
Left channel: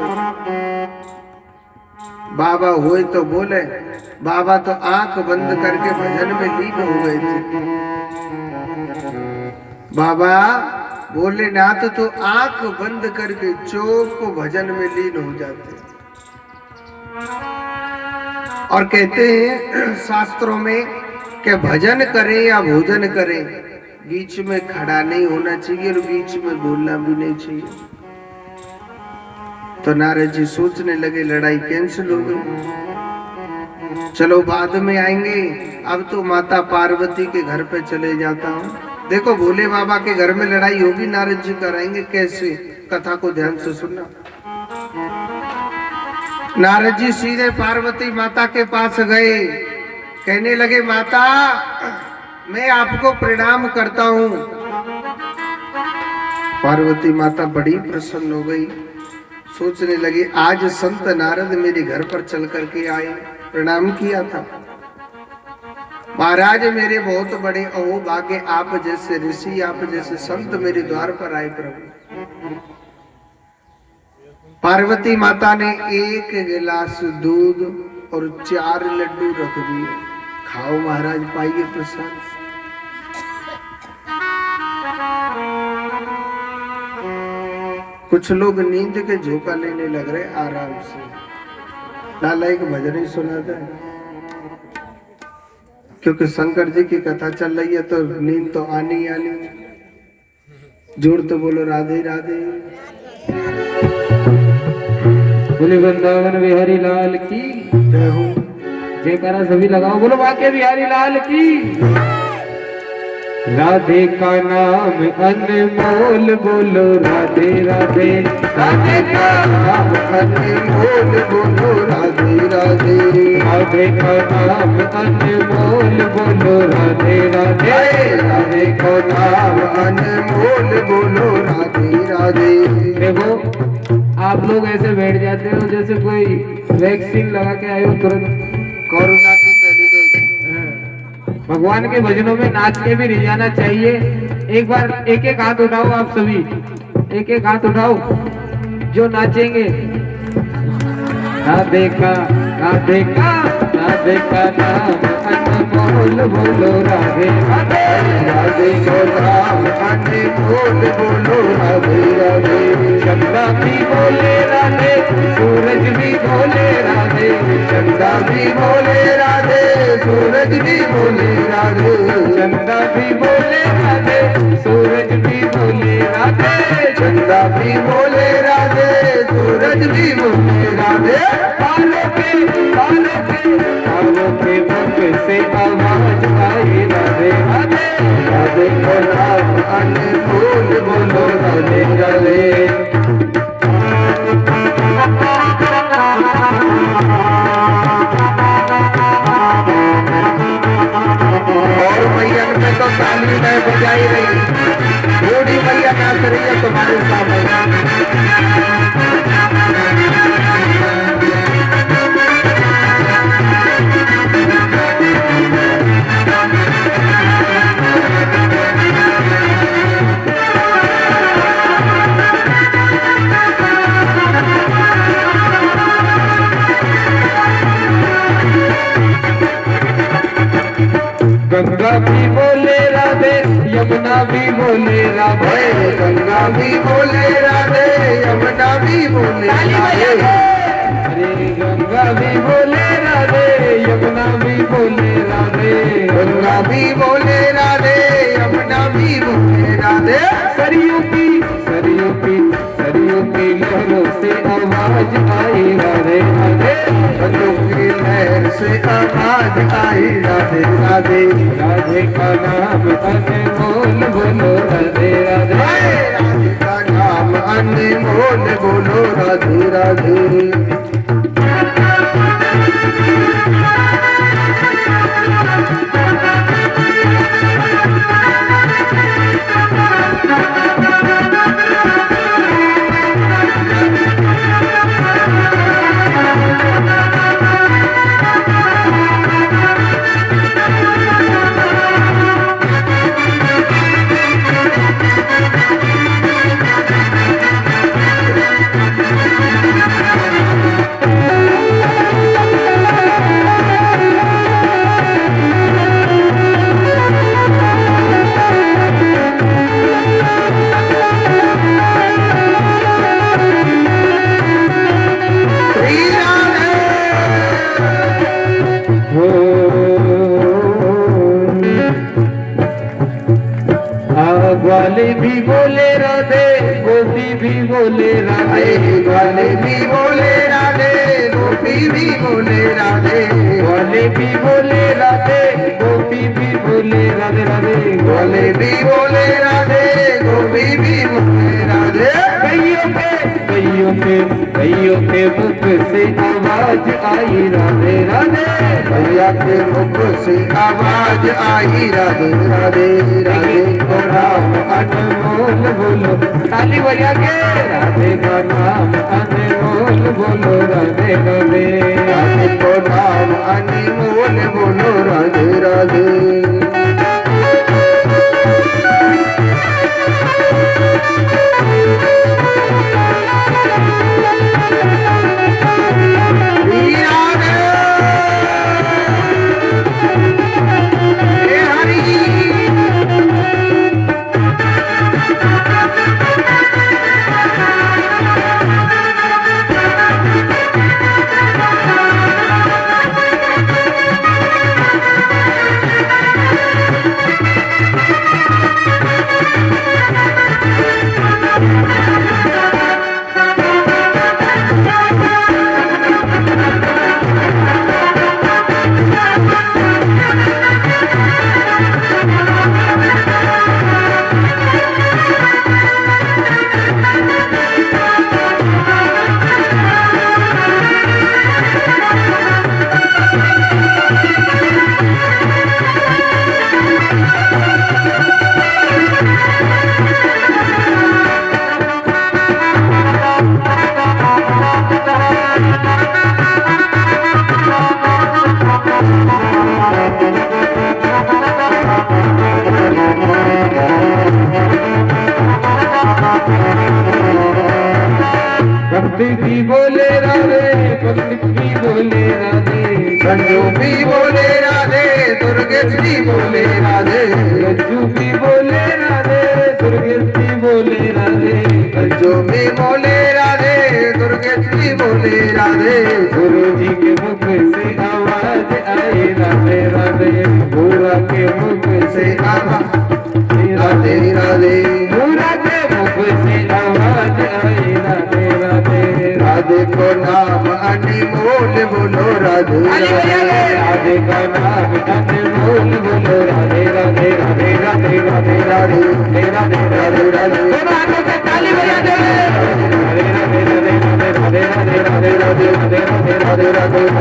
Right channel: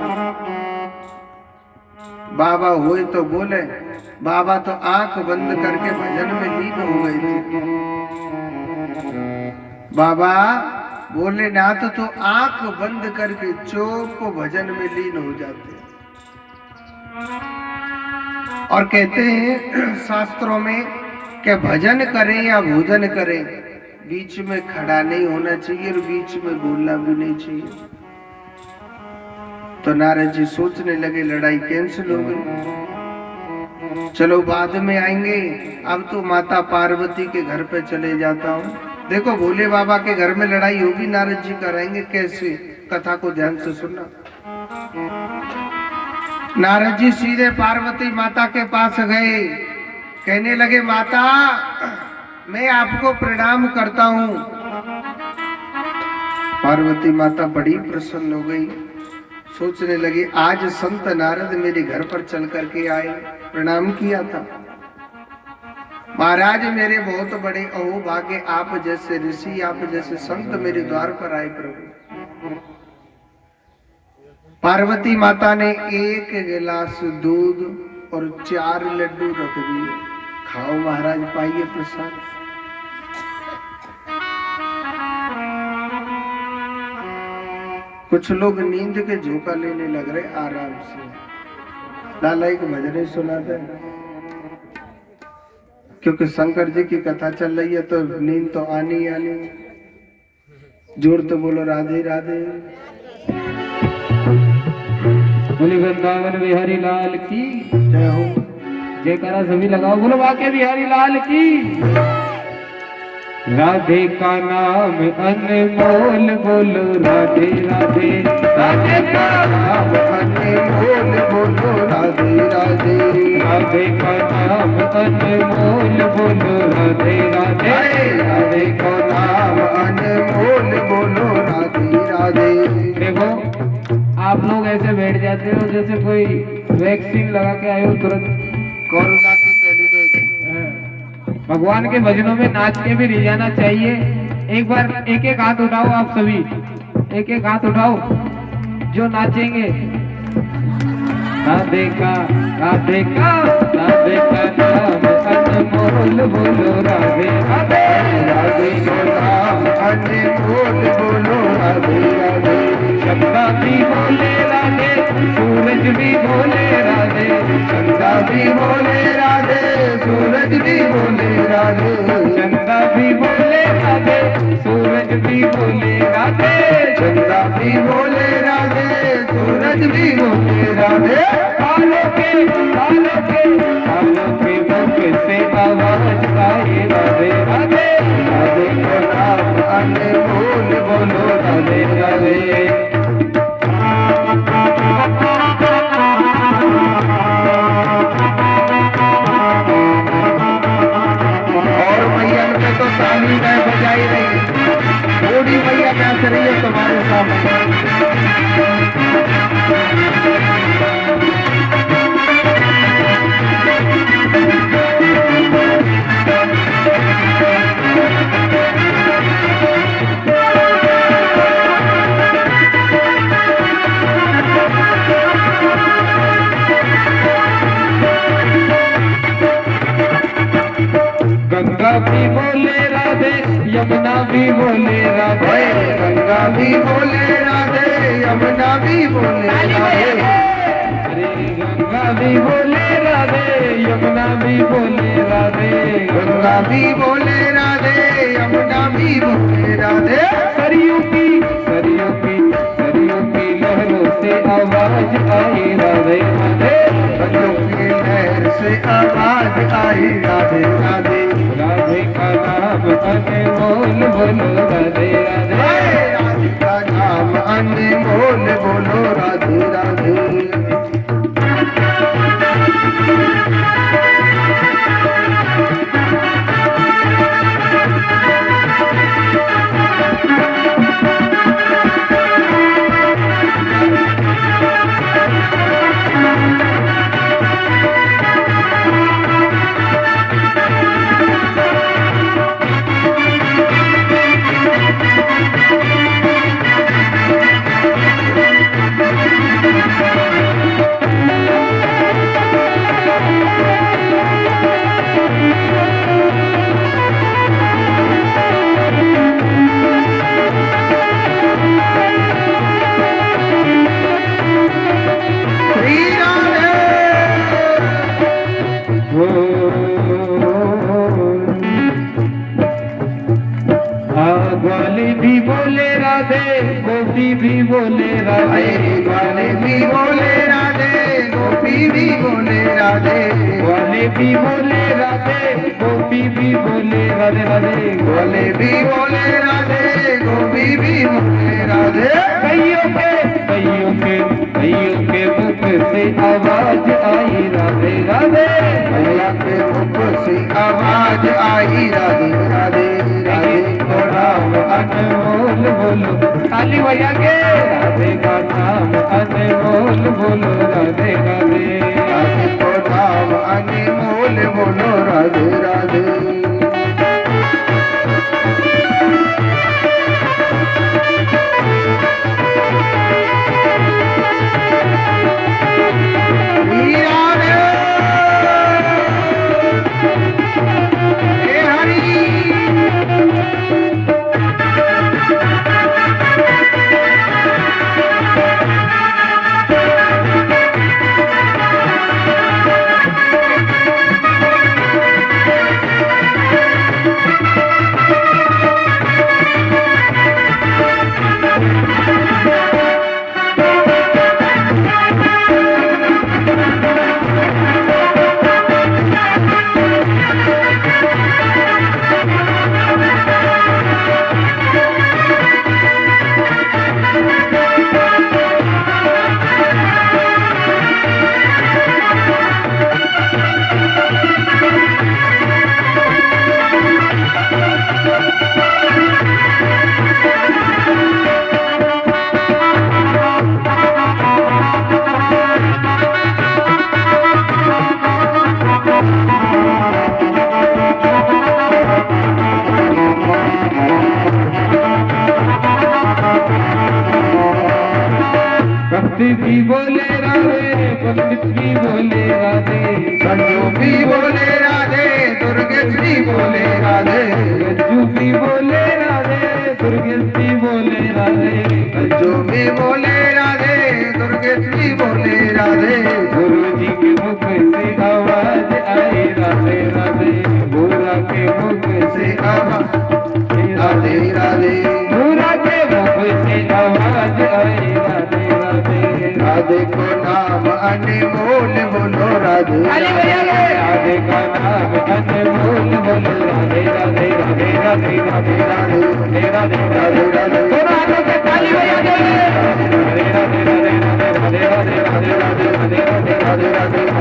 बाबा हुए तो बोले। बाबा तो आंख बंद करके भजन में लीन हो गए थे। बाबा भोलेनाथ तो आंख बंद करके चुप को भजन में लीन हो जाते। और कहते हैं शास्त्रों में कि भजन करें या भोजन करें, बीच में खड़ा नहीं होना चाहिए और बीच में बोलना भी नहीं चाहिए। तो नारद जी सोचने लगे लड़ाई कैंसिल हो गई, चलो बाद में आएंगे, अब तो माता पार्वती के घर पे चले जाता हूँ। देखो भोले बाबा के घर में लड़ाई होगी, नारद जी कराएंगे कैसे, कथा को ध्यान से सुनना। नारद जी सीधे पार्वती माता के पास गए, कहने लगे माता मैं आपको प्रणाम करता हूँ। पार्वती माता बड़ी प्रसन्न हो गई, सोचने लगी आज संत नारद मेरे घर पर चल करके आए, प्रणाम किया था। महाराज मेरे बहुत बड़े अहोभाग्य, आप जैसे ऋषि, आप जैसे संत मेरे द्वार पर आए प्रभु। पार्वती माता ने 1 गिलास दूध और 4 लड्डू रख दिए, खाओ महाराज, पाइए प्रसाद। कुछ लोग नींद के झोंका लेने लग रहे आराम से। लाला एक भजन ही सुना दे, क्योंकि शंकर जी की कथा चल रही है तो नींद तो आनी आनी। जोर तो बोलो राधे राधे। बोले वृंदावन बिहारी लाल की जय हो। जयकारा सभी लगाओ, बोलो बाके बिहारी लाल की। राधे का नाम अनमोल, बोलो राधे राधे। राधे का नाम अनमोल, बोलो राधे राधे। राधे का नाम अनमोल, बोलो राधे राधे। राधे का नाम अनमोल, बोलो राधे राधे। देखो आप लोग ऐसे बैठ जाते हो जैसे कोई वैक्सीन लगा के आए हो तुरंत, कोरोना की पहली डोज। भगवान के भजनों में नाच के भी रह जाना चाहिए। एक बार एक एक हाथ उठाओ, आप सभी एक एक हाथ उठाओ जो नाचेंगे। राधे का राधे का राधे का नाम अनमोल, बोलो राधे राधे। राधे का नाम अनमोल, बोलो राधे राधे। चंदा भी बोले राधे, सूरज भी बोले राधे। चंदा भी बोले राधे, सूरज भी बोले राधे, चंदा भी बोले राधे, सूरज भी बोले राधे, चंदा भी बोले राधे, सूरज भी बोले राधे, तालों के मुख से आवाज आए राधे राधे, राधे को नाम अनमोल बोलो राधे राधे। और मैया के तो ताली नहीं बजाई रही, बूढ़ी मैया नाच रही है तुम्हारे सामने। गंगा भी बोले राधे, यमुना भी बोले राधे, गंगा भी बोले राधे, यमुना भी बोले राधे, अरे गंगा भी बोले राधे, यमुना भी बोले राधे, गंगा भी बोले राधे, यमुना भी बोले राधे, सरयू की लहरों से आवाज आई राधे राधे, गंगों की लहर से आवाज आई राधे राधे, राधे का नाम अनमोल बोलो राधे राधे, राधे का नाम अनमोल बोलो राधे राधे। ग्वाले भी बोले राधे, गोपी भी बोले राधे, ग्वाले भी बोले राधे, गोपी भी बोले राधे, ग्वाले भी बोले राधे, गोपी भी बोले राधे राधे, ग्वाले भी बोले राधे, गोपी भी बोले राधे, कईयों के मुख से आवाज आई राधे राधे, मैया के मुख से आवाज आई राधे राधे, राधे को नाम अनमोल बोलो ताली बजा के, राधे का नाम अनमोल बोलो राधे राधे, राधे को नाम अनमोल बोलो राधे राधे। भक्ति भी बोले राधे, भक्ति भी बोले राधे, संजू भी बोले राधे, दुर्गेश भी बोले राधे, रज्जू भी बोले राधे, दुर्गेश भी बोले राधे, संजू भी बोले राधे, दुर्गेश भी बोले राधे, गुरु जी के मुख से आवाज आई राधे राधे।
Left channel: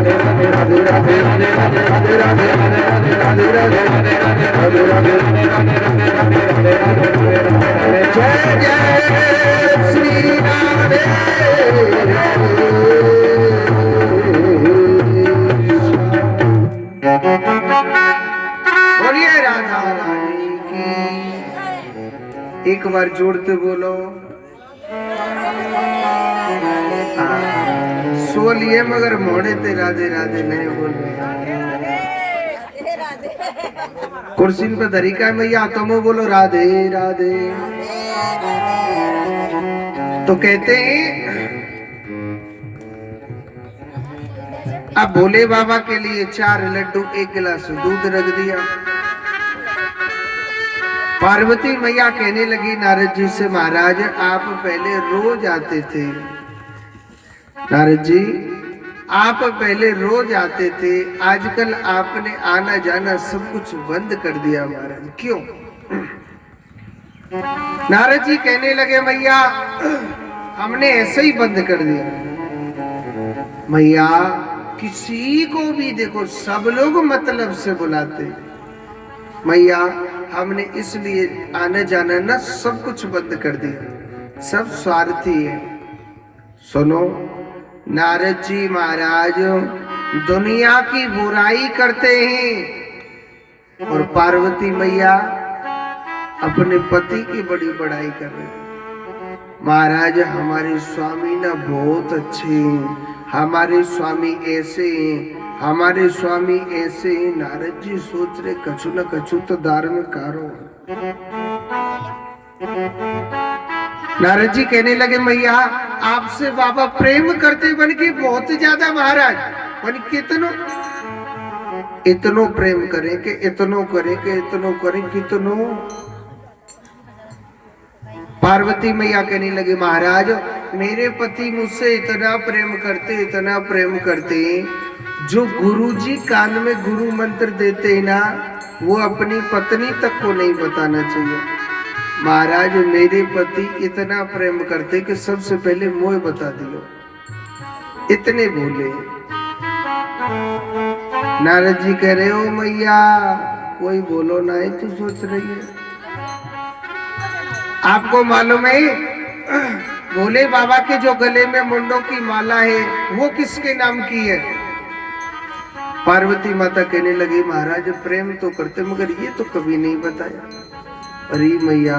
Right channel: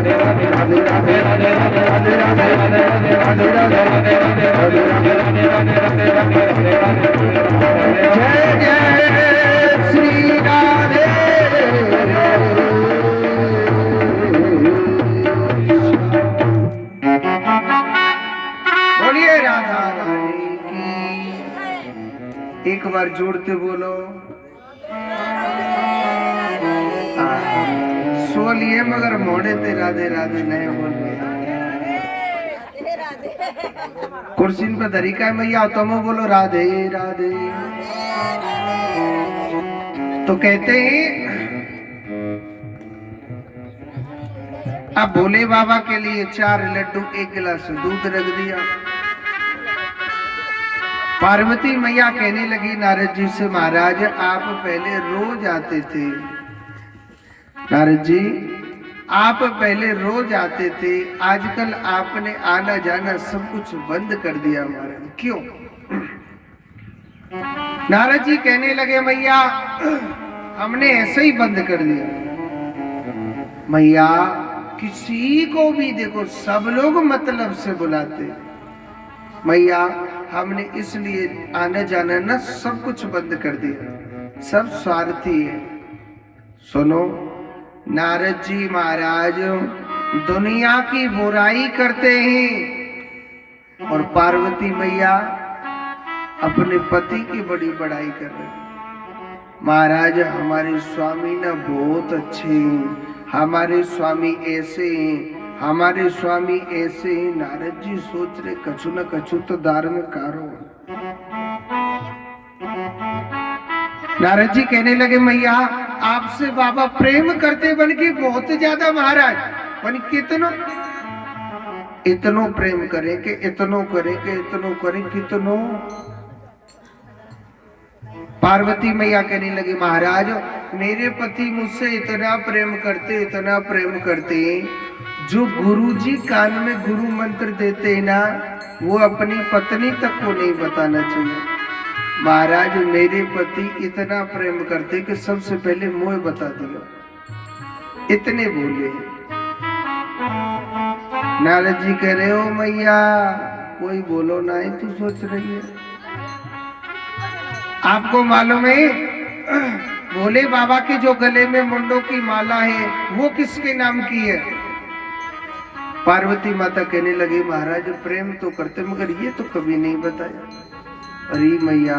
श्री राधे बोलिए राधा रानी की। एक बार जोड़ते बोलो। सोलिए मगर मोड़े ते राधे राधे नहीं बोल रहे। कुर्सी पे तरीका मैया तुम बोलो राधे राधे। तो कहते हैं अब भोले बाबा के लिए 4 लड्डू 1 गिलास दूध रख दिया। पार्वती मैया कहने लगी नारद जी से महाराज आप पहले रोज आते थे। नारद जी आप पहले रोज आते थे, आजकल आपने आना जाना सब कुछ बंद कर दिया महाराज, क्यों? नारद जी कहने लगे मैया हमने ऐसे ही बंद कर दिया। मैया किसी को भी देखो सब लोग मतलब से बुलाते। मैया हमने इसलिए आना जाना ना सब कुछ बंद कर दिया, सब स्वार्थी है। सुनो नारद जी महाराज दुनिया की बुराई करते हैं और पार्वती मैया अपने पति की बड़ी बड़ाई कर रहे हैं। महाराज हमारे स्वामी ना बहुत अच्छे हैं, हमारे स्वामी ऐसे हैं, हमारे स्वामी ऐसे हैं। नारद जी सोच रहे कछु न कछु तो धारण करो। नारद जी कहने लगे मैया आपसे बाबा प्रेम करते बन के बहुत ज्यादा महाराज, बन इतनो प्रेम करें कि इतनो करें कि इतनो करें कितनो। पार्वती मैया कहने लगे महाराज मेरे पति मुझसे इतना प्रेम करते जो गुरुजी कान में गुरु मंत्र देते हैं ना वो अपनी पत्नी तक को नहीं बताना चाहिए। महाराज मेरे पति इतना प्रेम करते कि सबसे पहले मोह बता दियो, इतने भूले। नारद जी कह रहे हो मैया कोई बोलो ना ही तू सोच रही है। आपको मालूम है भोले बाबा के जो गले में मुंडों की माला है वो किसके नाम की है? पार्वती माता कहने लगी महाराज प्रेम तो करते मगर ये तो कभी नहीं बताया। अरे मैया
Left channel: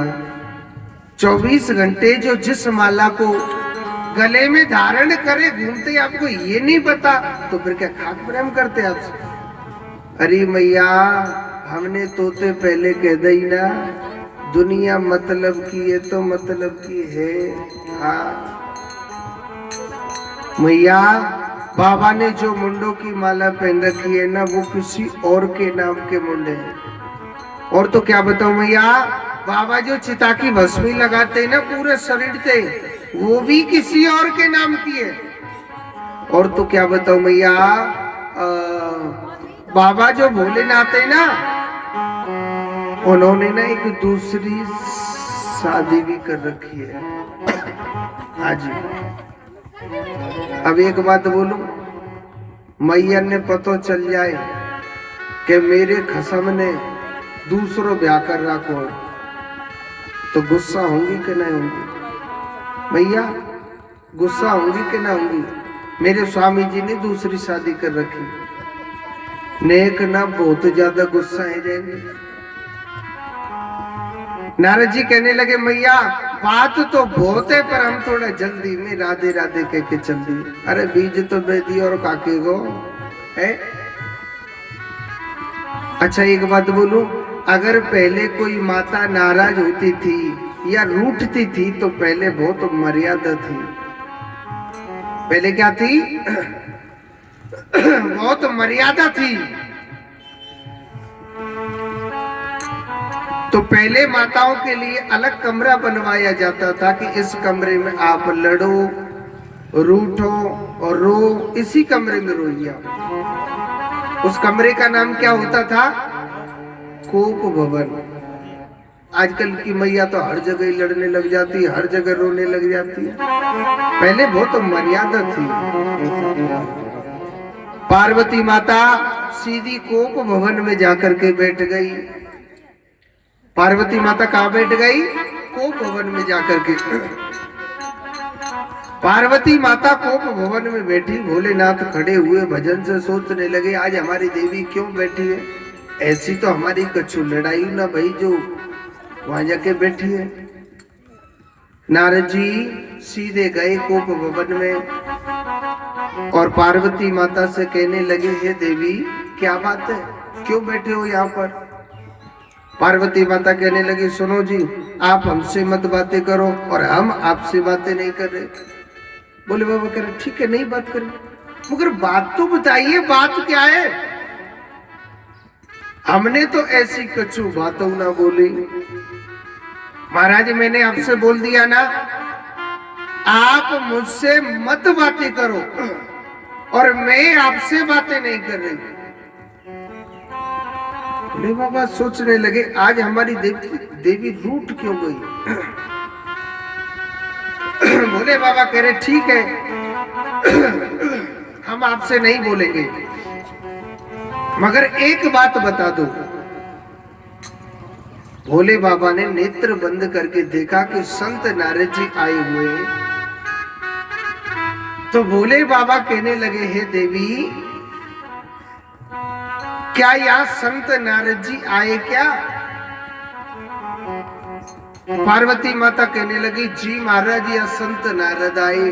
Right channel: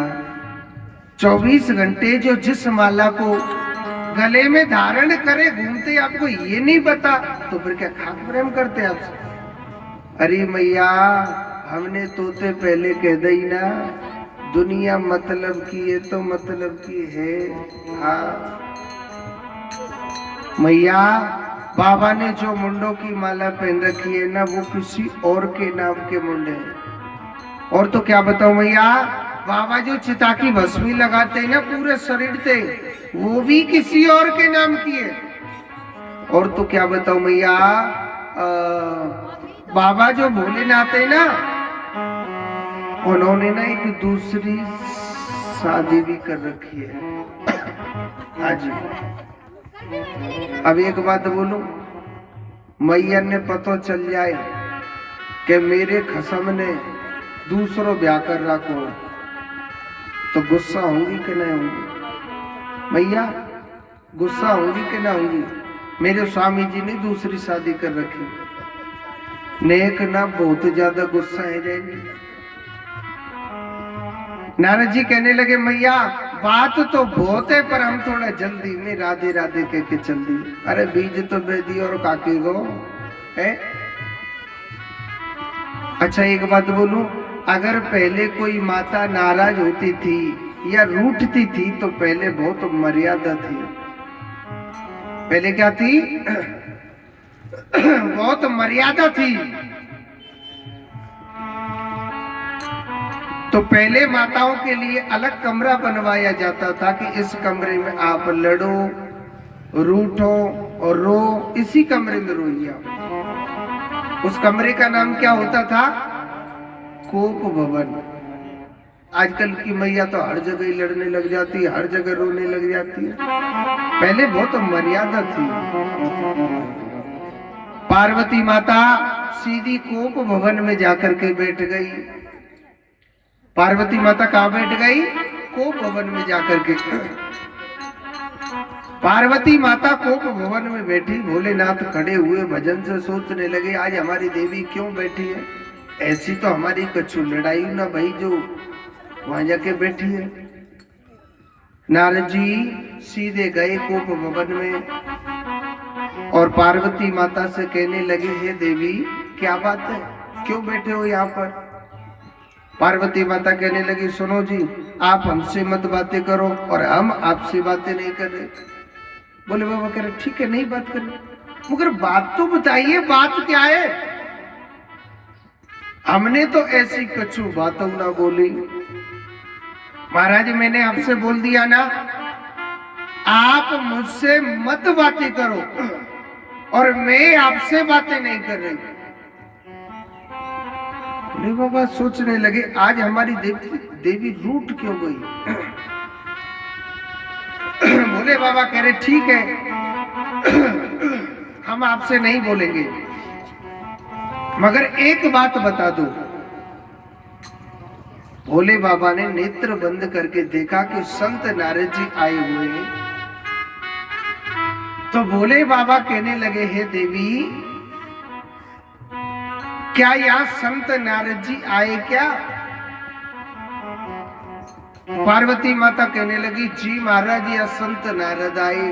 24 घंटे जो जिस माला को गले में धारण करे घूमते आपको ये नहीं पता तो फिर क्या खाक प्रेम करते आपसे? अरे मैया हमने तोते पहले कह दी ना दुनिया मतलब की है तो मतलब की है। हाँ मैया बाबा ने जो मुंडों की माला पहन रखी है ना वो किसी और के नाम के मुंडे हैं। और तो क्या बताऊं मैया बाबा जो चिता की भस्मी लगाते हैं ना पूरे शरीर से वो भी किसी और के नाम की है। और तो क्या बताऊं मैया बाबा जो भोलेनाथ है ना उन्होंने ना एक दूसरी शादी भी कर रखी है। हाँ जी अब एक बात बोलूं मैया ने पता चल जाए कि मेरे खसम ने दूसरों ब्याह कर रखो तो गुस्सा होंगी कि नहीं होंगी? मैया गुस्सा होंगी कि ना होंगी? मेरे स्वामी जी ने दूसरी शादी कर रखी, नेक ना बहुत ज्यादा गुस्सा है जाएंगे। नारद जी कहने लगे मैया बात तो बहुत है पर हम थोड़ा जल्दी में राधे राधे कह के चल दी। अरे बीज तो बेदी और काकी गो है। अच्छा एक बात बोलूं अगर पहले कोई माता नाराज होती थी या रूठती थी तो पहले बहुत मर्यादा थी। पहले क्या थी? बहुत मर्यादा थी। तो पहले माताओं के लिए अलग कमरा बनवाया जाता था कि इस कमरे में आप लड़ो रूठो और रो, इसी कमरे में रोइए। उस कमरे का नाम क्या होता था? कोप भवन। आजकल की मैया तो हर जगह लड़ने लग जाती है, हर जगह रोने लग जाती है। पहले बहुत मर्यादा थी। पार्वती माता सीधी कोप भवन में जाकर के बैठ गई। पार्वती माता कहाँ बैठ गई? कोप भवन में जाकर के। पार्वती माता कोप भवन में बैठी, भोलेनाथ खड़े हुए भजन से सोचने लगे आज हमारी देवी क्यों बैठी है? ऐसी तो हमारी कछु लड़ाई ना भाई जो वहां जाके बैठी है। नारद जी सीधे गए कोप भवन में और पार्वती माता से कहने लगे हे देवी क्या बात है, क्यों बैठे हो यहाँ पर? पार्वती माता कहने लगी सुनो जी, आप हमसे मत बातें करो और हम आपसे बातें नहीं कर रहे। बोले बाबा कह रहे ठीक है नहीं बात करें, मगर बात तो बताइए, बात क्या है? हमने तो ऐसी कछु बातों ना बोली। महाराज मैंने आपसे बोल दिया ना, आप मुझसे मत बातें करो और मैं आपसे बातें नहीं कर रही। बोले बाबा सोचने लगे आज हमारी देवी रूठ क्यों गई? बोले बाबा कह रहे ठीक है हम आपसे नहीं बोलेंगे, मगर एक बात बता दो। भोले बाबा ने नेत्र बंद करके देखा कि संत नारद जी आए हुए, तो भोले बाबा कहने लगे हे देवी क्या यहाँ संत नारद जी आए क्या? पार्वती माता कहने लगी जी महाराज या संत नारद आए।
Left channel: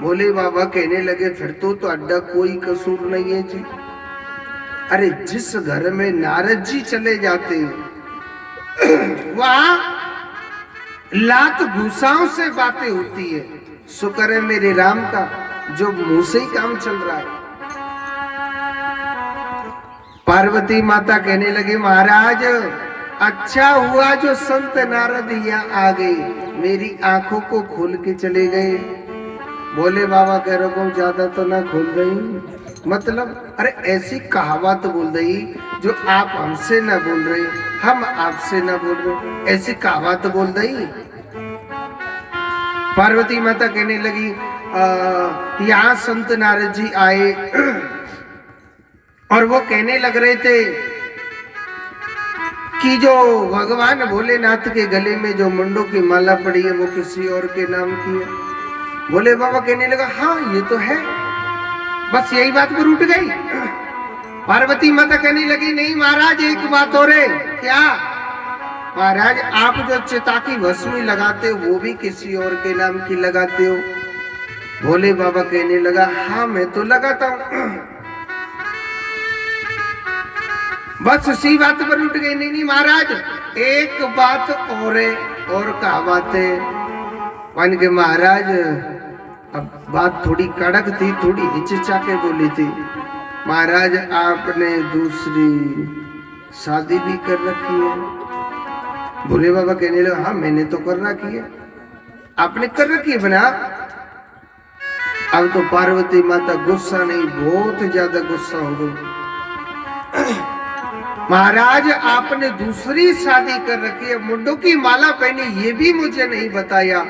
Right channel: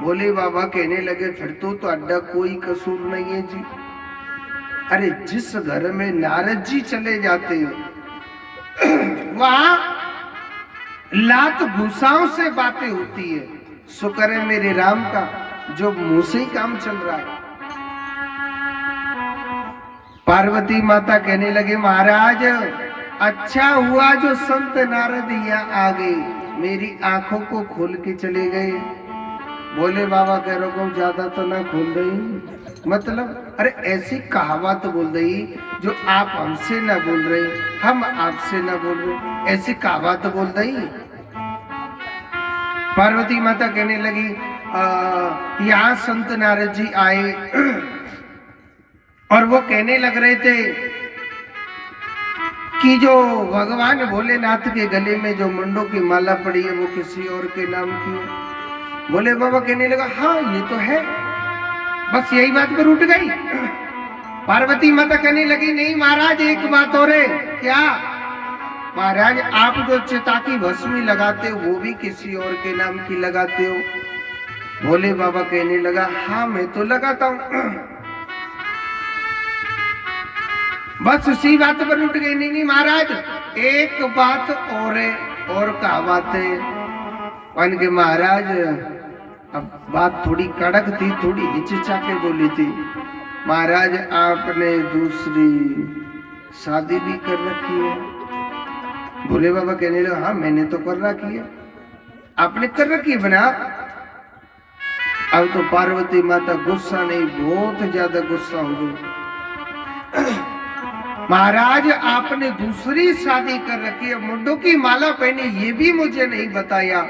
भोले बाबा कहने लगे फिर तो अड्डा कोई कसूर नहीं है जी। अरे जिस घर में नारद जी चले जाते वहां लात घुसाओं से बातें होती है। शुक्र है मेरे राम का जो मुंह से ही काम चल रहा है। पार्वती माता कहने लगे महाराज अच्छा हुआ जो संत नारद यहाँ आ गए, मेरी आंखों को खोल के चले गए। बोले बाबा कह रहे को ज्यादा तो ना खोल गई, मतलब अरे ऐसी कहावत बोल रही जो आप हमसे ना बोल रहे हम आपसे ना बोल रहे, ऐसी कहावत बोल रही। पार्वती माता कहने लगी यहाँ संत नारद जी आए और वो कहने लग रहे थे कि जो भगवान भोलेनाथ के गले में जो मुंडों की माला पड़ी है वो किसी और के नाम की है। भोले बाबा कहने लगा हाँ ये तो है, बस यही बात पर उठ गई। पार्वती माता कहने लगी नहीं महाराज एक बात और है। क्या? महाराज आप जो चिता की भस्मी लगाते हो वो भी किसी और के नाम की लगाते हो। भोले बाबा कहने लगा हाँ मैं तो लगाता हूं। बस उसी बात पर उठ गई। नहीं महाराज एक बात और है। और क्या बात है? मान के महाराज अब बात थोड़ी कड़क थी, थोड़ी हिचकिचा के बोली थी। महाराज आपने दूसरी शादी भी कर रखी है। भोले बाबा कहने लगा हाँ मैंने तो कर रखी है। आपने कर रखी है बना? अब तो पार्वती माता गुस्सा नहीं बहुत ज्यादा गुस्सा हो गई। महाराज आपने दूसरी शादी कर रखी है, मुंडों की माला पहनी ये भी मुझे नहीं बताया।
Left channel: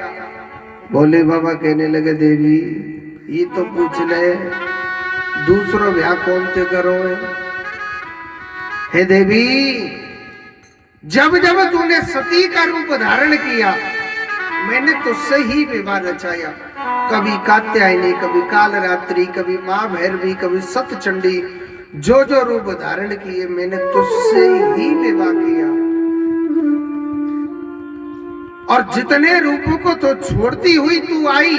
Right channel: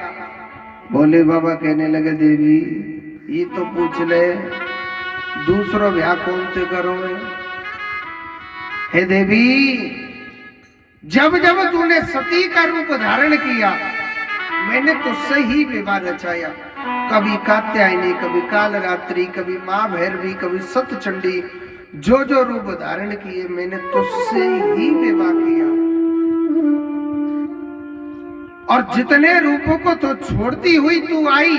भोले बाबा कहने लगे देवी ये तो पूछ ले दूसरो ब्याह कौन से करो है देवी? जब जब तूने सती का रूप धारण किया मैंने तुझसे ही विवाह रचाया। कभी कात्यायनी, कभी कालरात्रि, कभी माँ भैरवी, कभी सतचंडी, जो जो रूप धारण किए मैंने तुझसे ही विवाह किया। और जितने रूपों को तो छोड़ती हुई तू आई,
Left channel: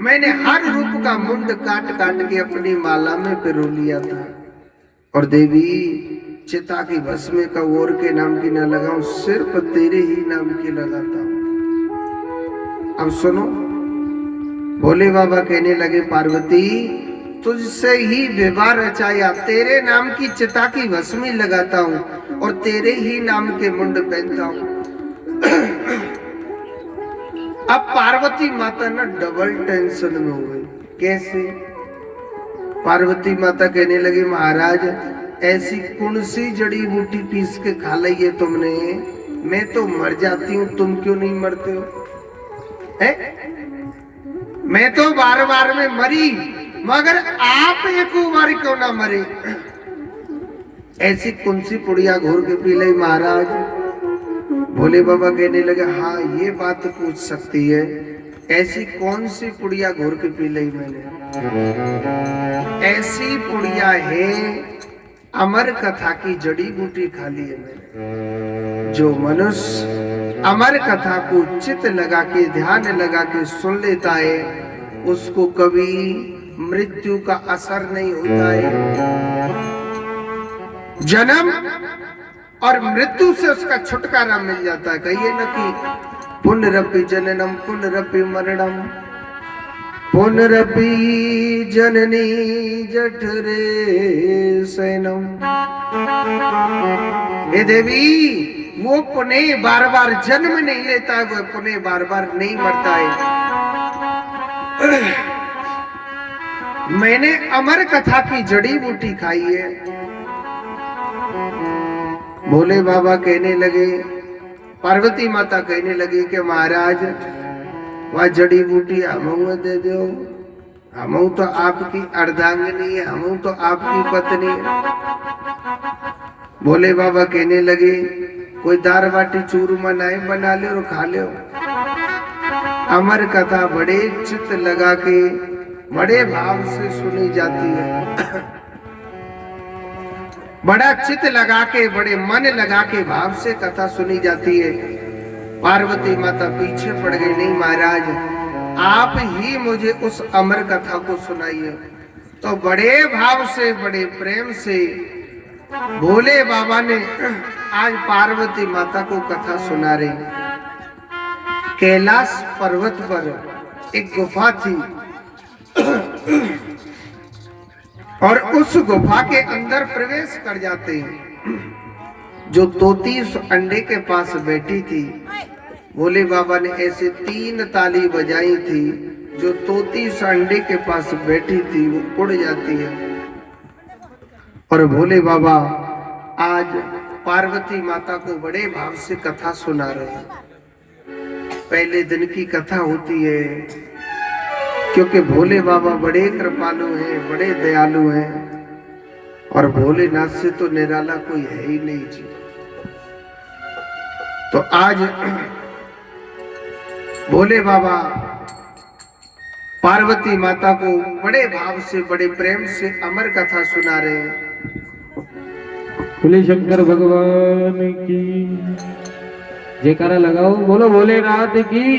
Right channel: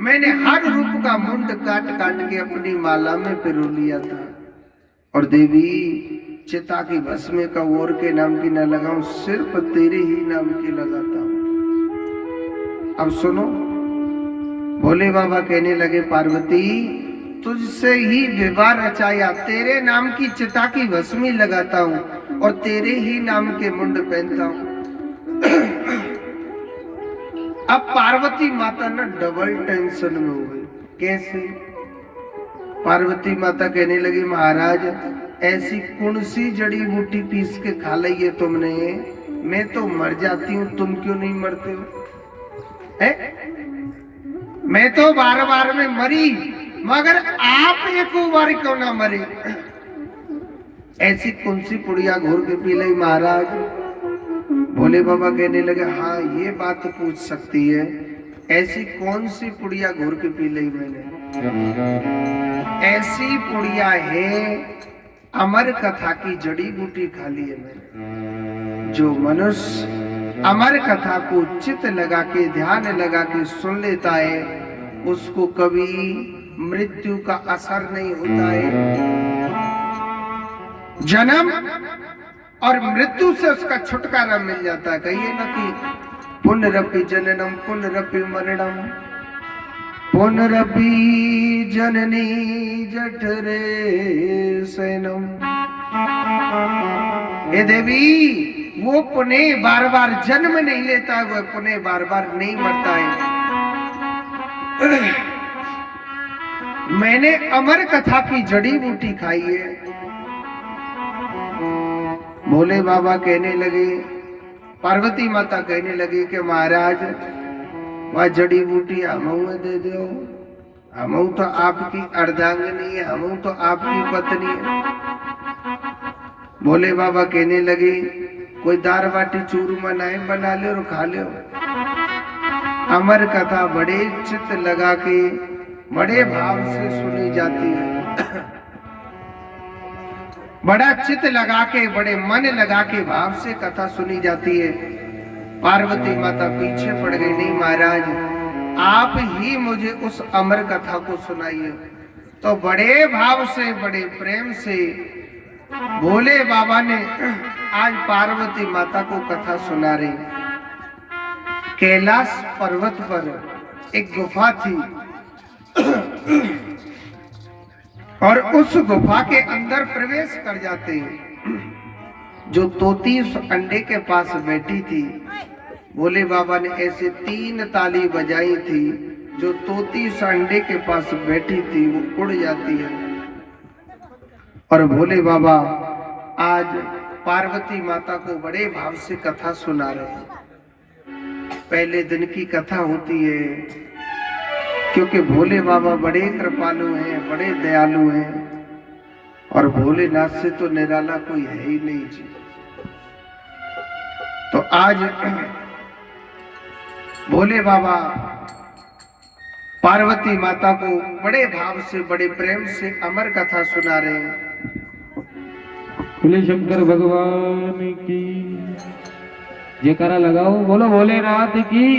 मैंने हर रूप का मुंड काट काट के अपनी माला में पिरो लिया था। और देवी चिता की भस्म का और के नाम की ना लगाऊं, सिर्फ तेरे ही नाम की लगाता हूं। अब सुनो, भोले बाबा कहने लगे पार्वती तुझसे ही विवाह रचाया, तेरे नाम की चिता की भस्मी लगाता हूं और तेरे ही नाम के मुंड पहनता हूं। अब पार्वती माता ना डबल टेंशन में हो गई। कैसे? पार्वती माता कहने लगी महाराज ऐसी कौन सी जड़ी बूटी पीस के खा ली है तुमने? मैं तो मर जाती हूँ, तुम क्यों नहीं मरते हो? है? मैं तो बार बार में मरी मगर आप एक बार क्यों ना मरे? ऐसी कौन सी पुड़िया घोर के पी ली महाराज? भोले बाबा कहने लगे हाँ ये बात तो पूछ सकती है, ऐसी कौन सी पुड़िया घोर के पी ली मैंने? ऐसी पुड़िया है अमर कथा की जड़ी बूटी खा ली है मैंने। जो मनुष्य अमर कथा को चित लगा के ध्यान लगा के सुन लेता है उसको कभी मृत्यु का असर नहीं होता है। जन्म और मृत्यु से उसका छुटकारा मिल जाता है। कहिए ना कि पुनरपि जननम पुनरपि मरणम पुनरपि जननी जठरे शयनम। हे देवी, वो पुनः बार बार जन्म नहीं लेता है, वो पुनः बार बार नहीं मरता है। मैंने अमर कथा की जड़ी बूटी खाई है। भोले बाबा कहने लगे, पार्वती माता कहने लगी कि महाराज वह जड़ी बूटी हमऊ दे दो, हमऊ तो आपकी अर्धांगिनी है, हमऊ तो आपकी पत्नी है। भोले बाबा कहने लगे कोई दाल बाटी चूरमा नहीं बना ले और खा ले। अमर कथा बड़े चित्त लगा के बड़े भाव से सुनी जाती है। बड़ा चित्त लगा के बड़े मन लगा के भाव से कथा सुनी जाती है। पार्वती माता पीछे पड़ गई, नहीं महाराज आप ही मुझे उस अमर कथा को सुनाइए। तो बड़े भाव से बड़े प्रेम से भोले बाबा ने आज पार्वती माता को कथा सुना रही। कैलाश पर्वत पर एक गुफा थी और उस गुफा के अंदर प्रवेश कर जाते हैं। जो तोती उस अंडे के पास बैठी थी, भोले बाबा ने ऐसे 3 ताली बजाई थी, जो तोती उस अंडे के पास बैठी थी वो उड़ जाती है। और भोले बाबा आज पार्वती माता को बड़े भाव से कथा सुना रहे हैं। पहले दिन की कथा होती है, क्योंकि भोले बाबा बड़े कृपालु हैं, बड़े दयालु हैं और भोलेनाथ से तो निराला कोई है ही नहीं जी। तो आज भोले बाबा पार्वती माता को बड़े भाव से बड़े प्रेम से अमर कथा सुना रहे हैं। बोले शंकर भगवान की जयकारा लगाओ, बोलो भोलेनाथ की।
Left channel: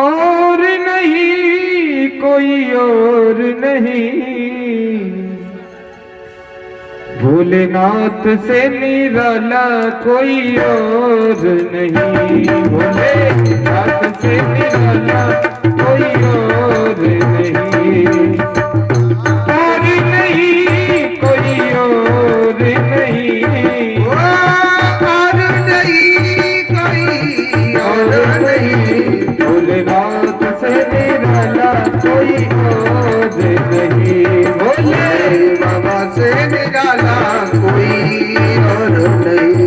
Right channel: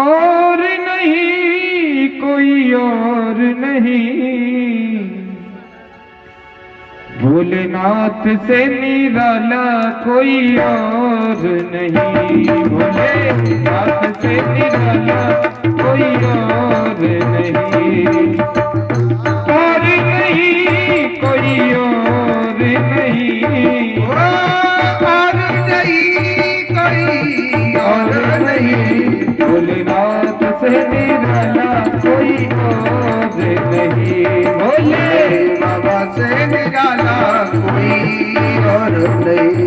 और नहीं कोई और नहीं, भोलेनाथ से निराला कोई और नहीं। भोलेनाथ से निराला कोई और नहीं, और नहीं कोई और नहीं, और नहीं कोई और नहीं, भोलेनाथ से निराला कोई और नहीं। भोले बाबा से निराला कोई और नहीं।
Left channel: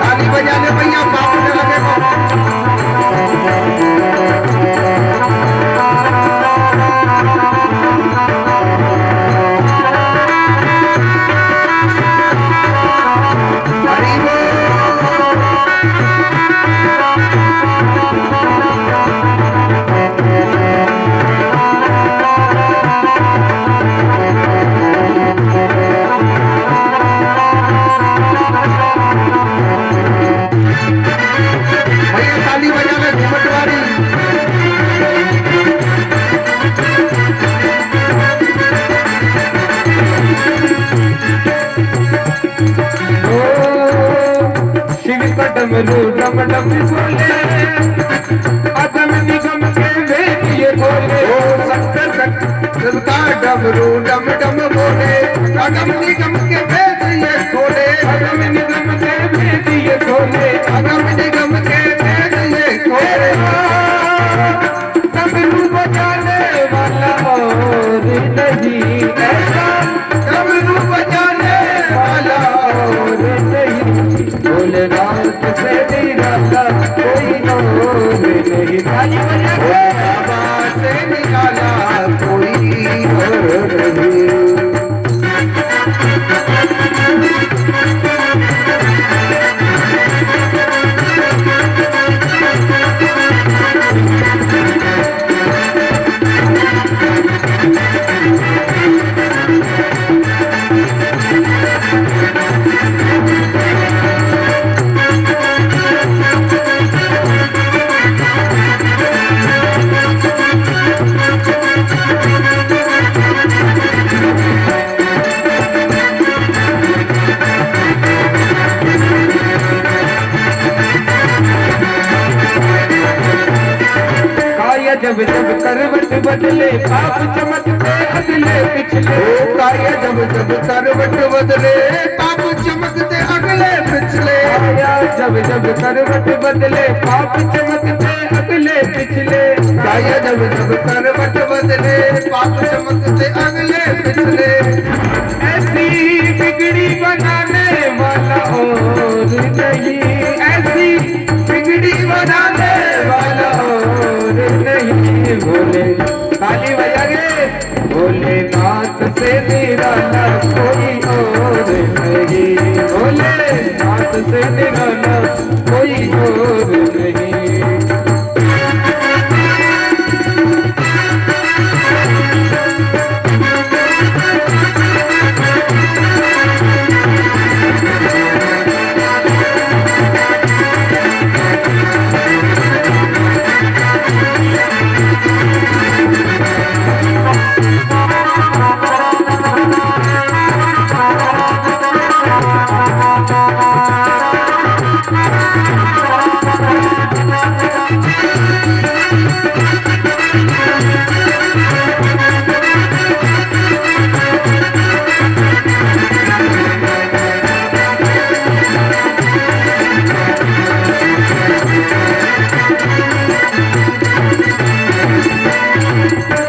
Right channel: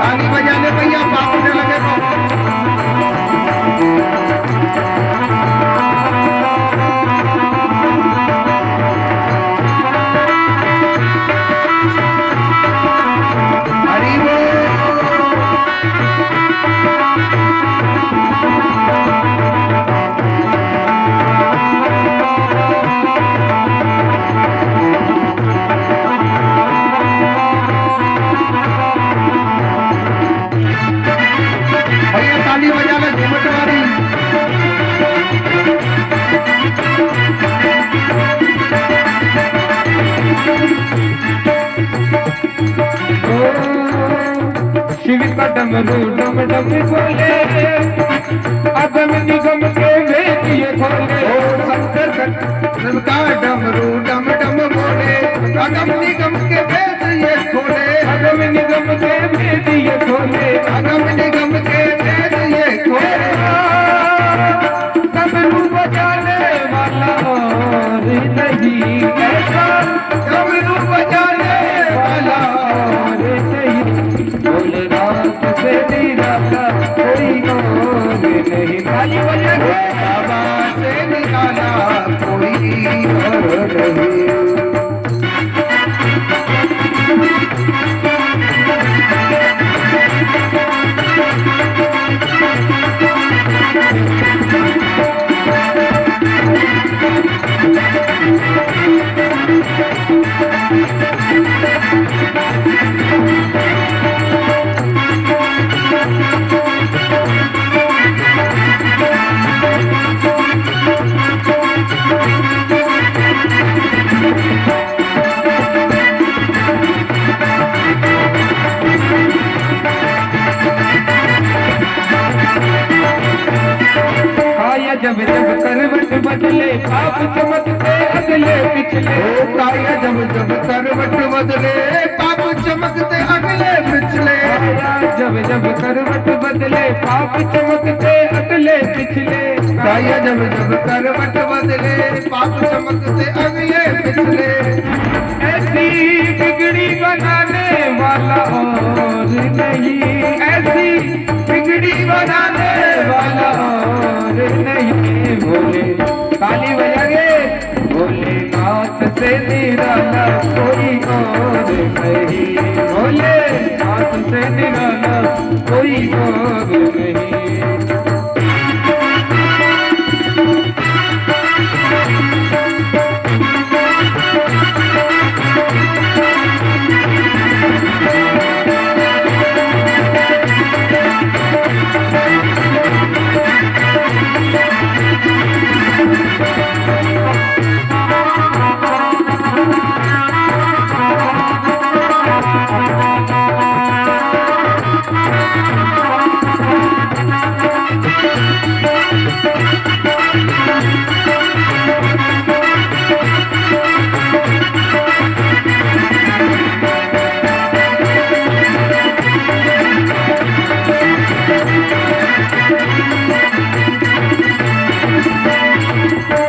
ताली बजा लो भैया, बाप ने लगे ताली बजाना घूमट वाली। शिव का डमरू डम डम बोले, अगम निगम के वेद ये बोले। ओ शंकर शिव का डमरू डम डम बोले, अगम निगम के वेद ये खोले। अगम निगम के वेद ये खोले, अगम निगम के वेद ये खोले। डमरू बजाने वाला और नहीं ऐसा, डमरू बजाने वाला और नहीं। भोलेनाथ से निराला कोई और नहीं। ताली बजा काया जब जब करवट बदले पाप चमकते अगले पिछले। ओ काया जब जब करवट बदले पाप चमकते अगले पिछले। काया जब जब करवट बदले पाप चमकते अगले पिछले। काया जब जब करवट बदले पाप चमकते अगले पिछले। ऐसी बिगड़ी बनाने वाला और नहीं, ऐसी बिगड़ी बनाने वाला और नहीं। भोले ताली बजागे, भोलेनाथ से निराला कोई और नहीं। भोलेनाथ से निराला कोई और नहीं।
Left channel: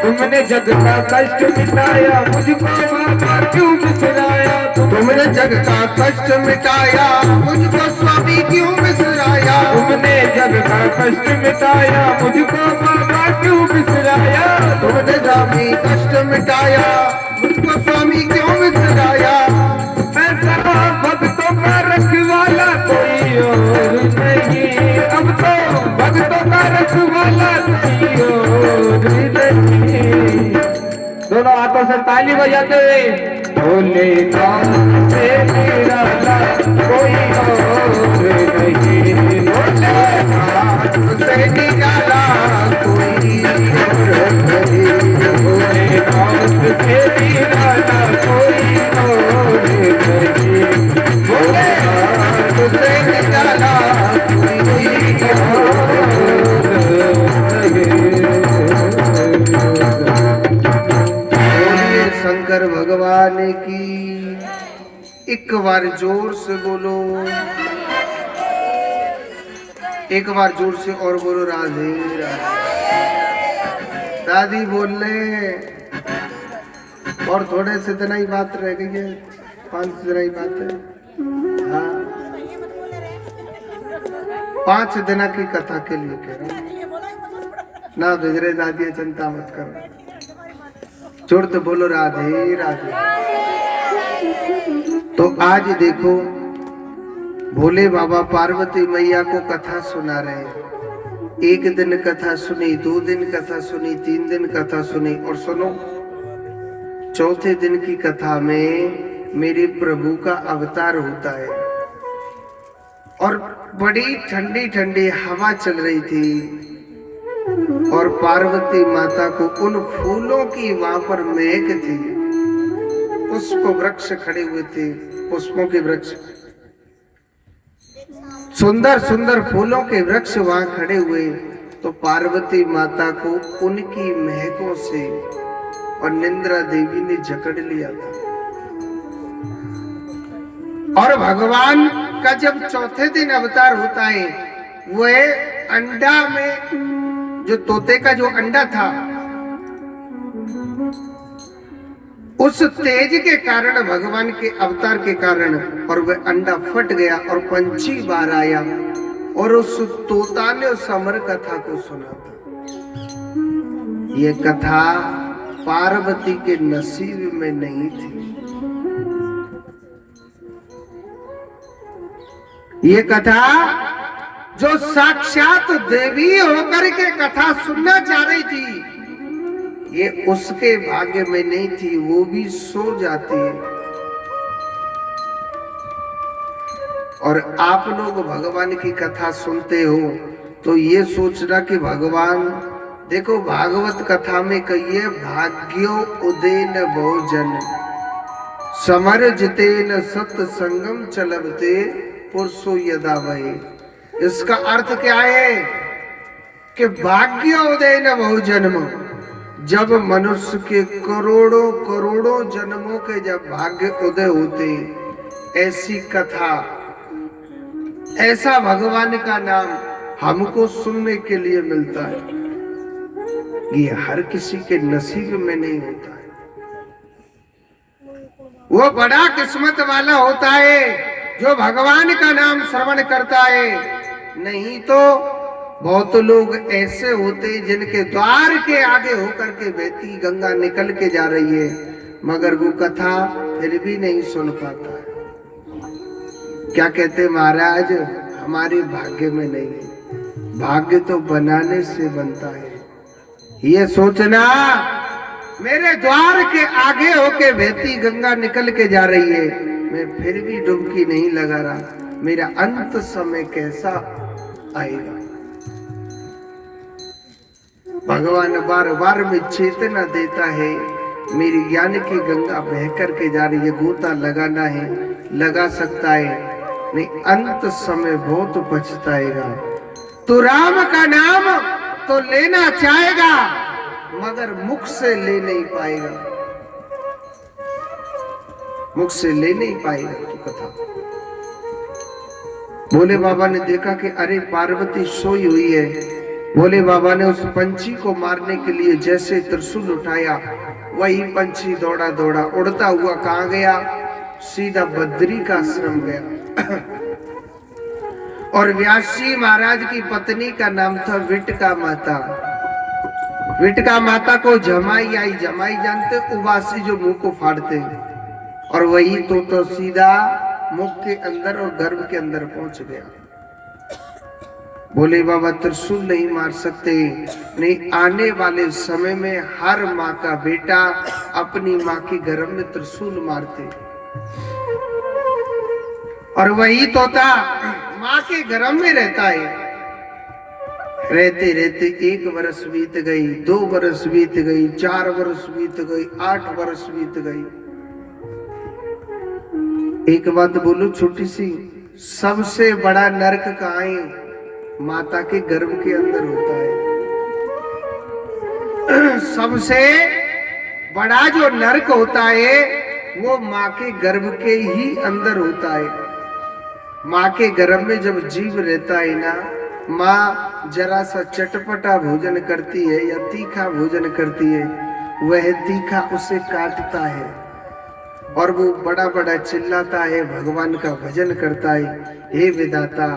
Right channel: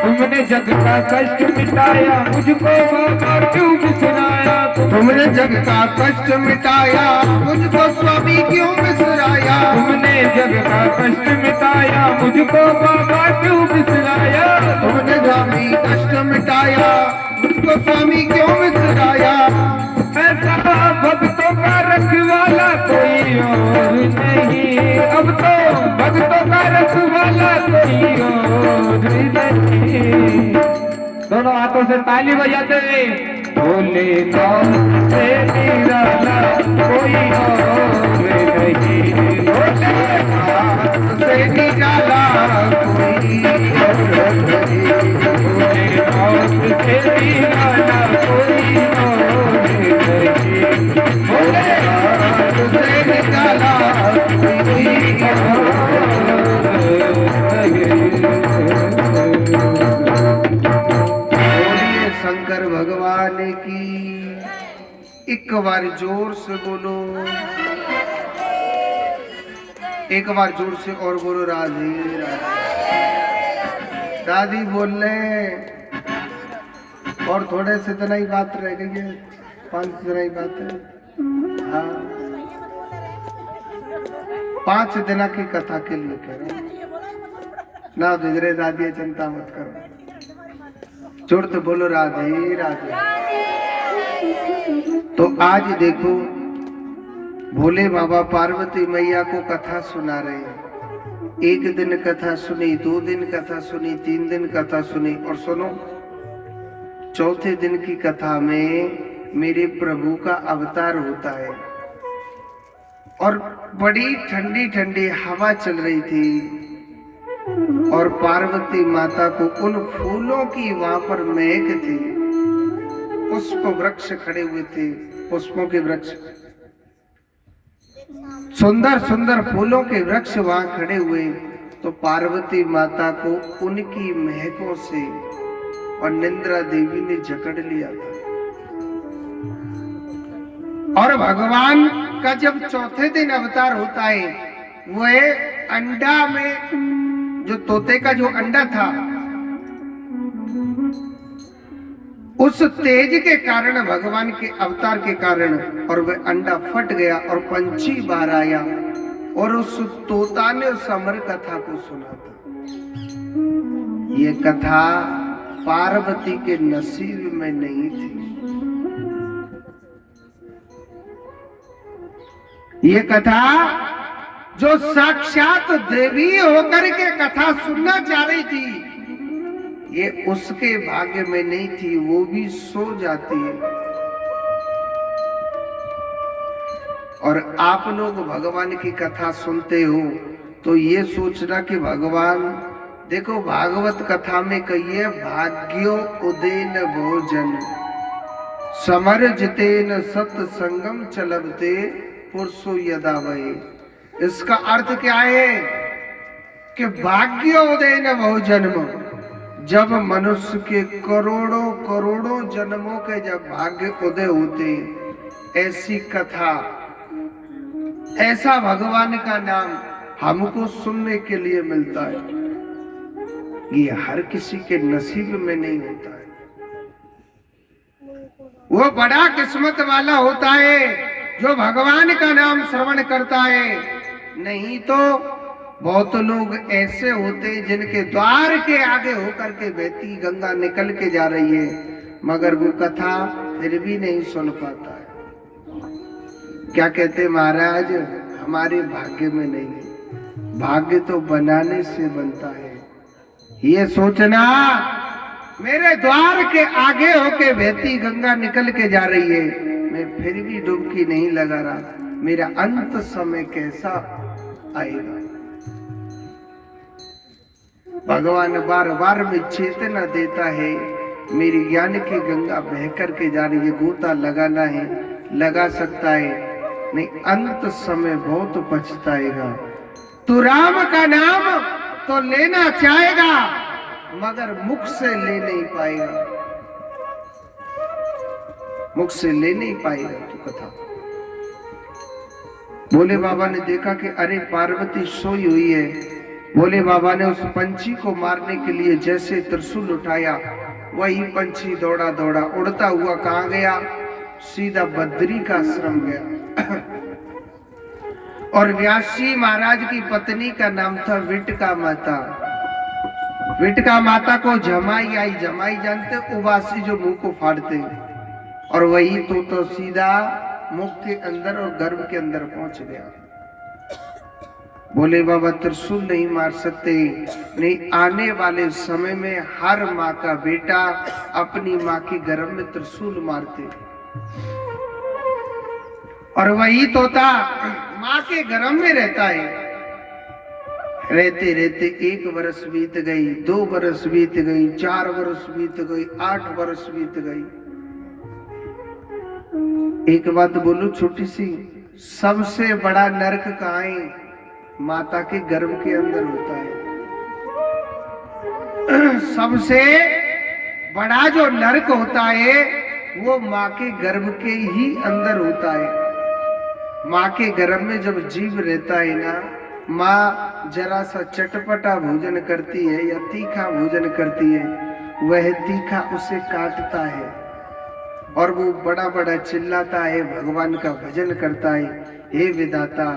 तुमने जग का कष्ट मिटाया मुझको बाबा क्यों बिसराया। तुमने जग का कष्ट मिटाया मुझको स्वामी क्यों बिसराया। तुमने जग का कष्ट मिटाया मुझको बाबा क्यों बिसराया। तुमने स्वामी कष्ट मिटाया मुझको स्वामी क्यों बिसराया। ऐसा भक्तों का रखवाला कोई और नहीं। अब तो भक्तों का रखवाला कोई और नहीं। दोनों हाथों से ताली बजाते हुए भोलेनाथ से निराला कोई और नहीं। भोलेनाथ से निराला कोई और नहीं। भोलेनाथ से निराला कोई और नहीं। भोलेनाथ से निराला कोई और बोलिए शंकर भगवान की। एक बार जोर से बोलो, एक बार जोर से और बोलो राधे राधे। दादी बोल रहे और थोड़े से इतना ही बात रह गई है, 5 दिन ही बात है। हाँ 5 दिन की कथा के लिए कह रहा हूँ ना बिगड़े दादी, चिंता मत करो। जोर तो बोलो राधे राधे। तो आज देखो भोले बाबा पार्वती मैया को कथा सुना रहे हैं। 1 दिन कथा सुनी, 2 दिन कथा सुनी, 3 दिन कथा सुनी और सुनो 4थे दिन की कथा में मेरे प्रभु का अवतार होता है और बड़ी ठंडी ठंडी हवा चल रही थी और पार्वती माता को उन फूलों की वहां पर महक थी। पुष्प वृक्ष खड़े हुए थे, पुष्पों के वृक्ष, सुंदर सुंदर फूलों के वृक्ष वहां खड़े हुए। तो पार्वती माता को उनकी महकों से और निंद्रा देवी ने जकड़ लिया था। और भगवान का जब 4थे दिन अवतार होता है, वह अंडा में जो तोते का जो अंडा था उस तेज के कारण, भगवान के अवतार के कारण, और वह अंडा फट गया और पंछी बाहर आया और उस तोता ने उस अमर कथा को सुना था। ये कथा पार्वती के नसीब में नहीं थी। ये कथा जो साक्षात देवी होकर के कथा सुनना चाह रही थी, ये उसके भाग्य में नहीं थी, वो भी सो जाती है। और आप लोग भगवान की कथा सुनते हो तो ये सोचना कि भगवान देखो भागवत कथा में कहिए भाग्यो उदेन भोजन समर जितेन सत्संगम चलते पुरुषो यदा वही। इसका अर्थ क्या है कि भाग्यो उदेन बहुजन्म, जब मनुष्य के करोड़ों करोड़ों जन्मों के जब भाग्य उदय होते, ऐसी कथा, ऐसा भगवान का नाम हमको सुनने के लिए मिलता है। ये हर किसी के नसीब में नहीं होता है। वो बड़ा किस्मत वाला होता है जो भगवान का नाम श्रवण करता है। नहीं तो बहुत लोग ऐसे होते जिनके द्वार के आगे होकर के बहती गंगा निकल के जा रही है, मगर वो कथा फिर भी नहीं सुन पाता है। क्या कहते महाराज, हमारे भाग्य में नहीं है, भाग्य तो बनाने से बनता है। ये सोचना मेरे द्वार के आगे होके बहती गंगा निकल के जा रही है, मैं फिर भी डुबकी नहीं लगा रहा, मेरा अंत समय कैसा आएगा। भगवान बार बार में चेतना देता है, मेरी ज्ञान की गंगा बह करके जा रही है, गोता लगाना है लगा सकता है, नहीं अंत समय बहुत पछताएगा। तू राम का नाम तो लेना चाहेगा मगर मुख से ले नहीं पाएगा, मुख से ले नहीं पाएगा तू कथा। भोले बाबा ने देखा कि अरे पार्वती सोई हुई है। भोले बाबा ने उस पंछी को मारने के लिए जैसे त्रिशूल उठाया, वही पंछी दौड़ा दौड़ा उड़ता हुआ कहाँ गया, सीधा बद्री का आश्रम गया। और व्यासी महाराज की पत्नी का नाम था विटका माता। विटका माता को जमाई आई, जमाई जानते उबासी जो मुंह को फाड़ते, और वही तो सीधा मुख के अंदर और गर्भ के अंदर पहुंच गया। बोले बाबा त्रिशूल नहीं मार सकते, नहीं आने वाले समय में हर माँ का बेटा अपनी माँ के गर्भ में त्रिशूल मारते, और वही तोता माँ के गर्भ में रहता है। रहते रहते 1 वर्ष बीत गई, 2 वर्ष बीत गई, 4 वर्ष बीत गई, 8 वर्ष बीत गई। एक बात बोलो छोटी सी, सबसे बड़ा नरक कहाँ है? माता के गर्भ के अंदर होता है। सबसे बड़ा जो नरक होता है वो माँ के गर्भ के ही अंदर होता है। माँ के गर्भ में जब जीव रहता है ना, माँ जरा सा चटपटा भोजन करती है या तीखा भोजन करती है, वह तीखा उसे काटता है और वो बड़ा बड़ा चिल्लाता है, भगवान का भजन करता है, हे विधाता,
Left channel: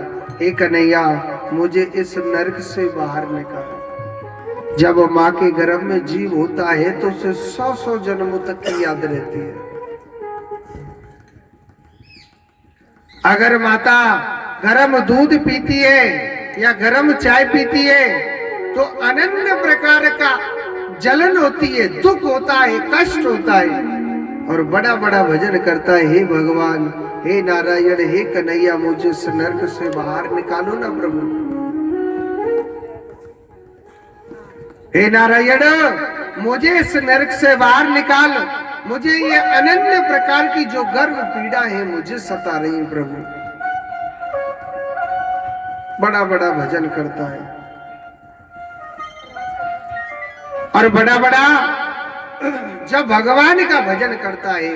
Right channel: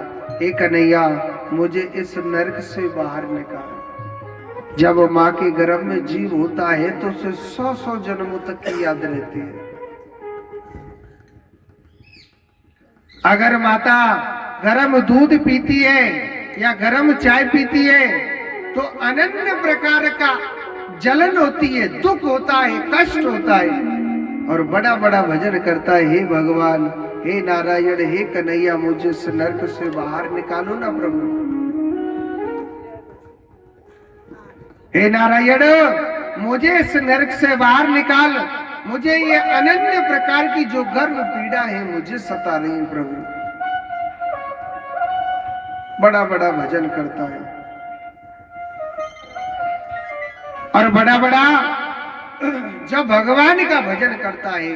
हे कन्हैया, मुझे इस नरक से बाहर निकाल। जब माँ के गर्भ में जीव होता है तो उसे 100-100 जन्मों तक की याद रहती है। अगर माता गरम दूध पीती है या गरम चाय पीती है तो अनन्य प्रकार का जलन होती है, दुख होता है, कष्ट होता है, और बड़ा बड़ा भजन करता है, हे भगवान, हे नारायण, हे कन्हैया, मुझे इस नरक से बाहर निकालो ना प्रभु। हे नारायण, मुझे इस नरक से बाहर निकाल, मुझे ये अनन्य प्रकार की जो गर्भ पीड़ा है मुझे सता रही है प्रभु। बड़ा बड़ा भजन करता है और बड़ा बड़ा जब भगवान का भजन करता है।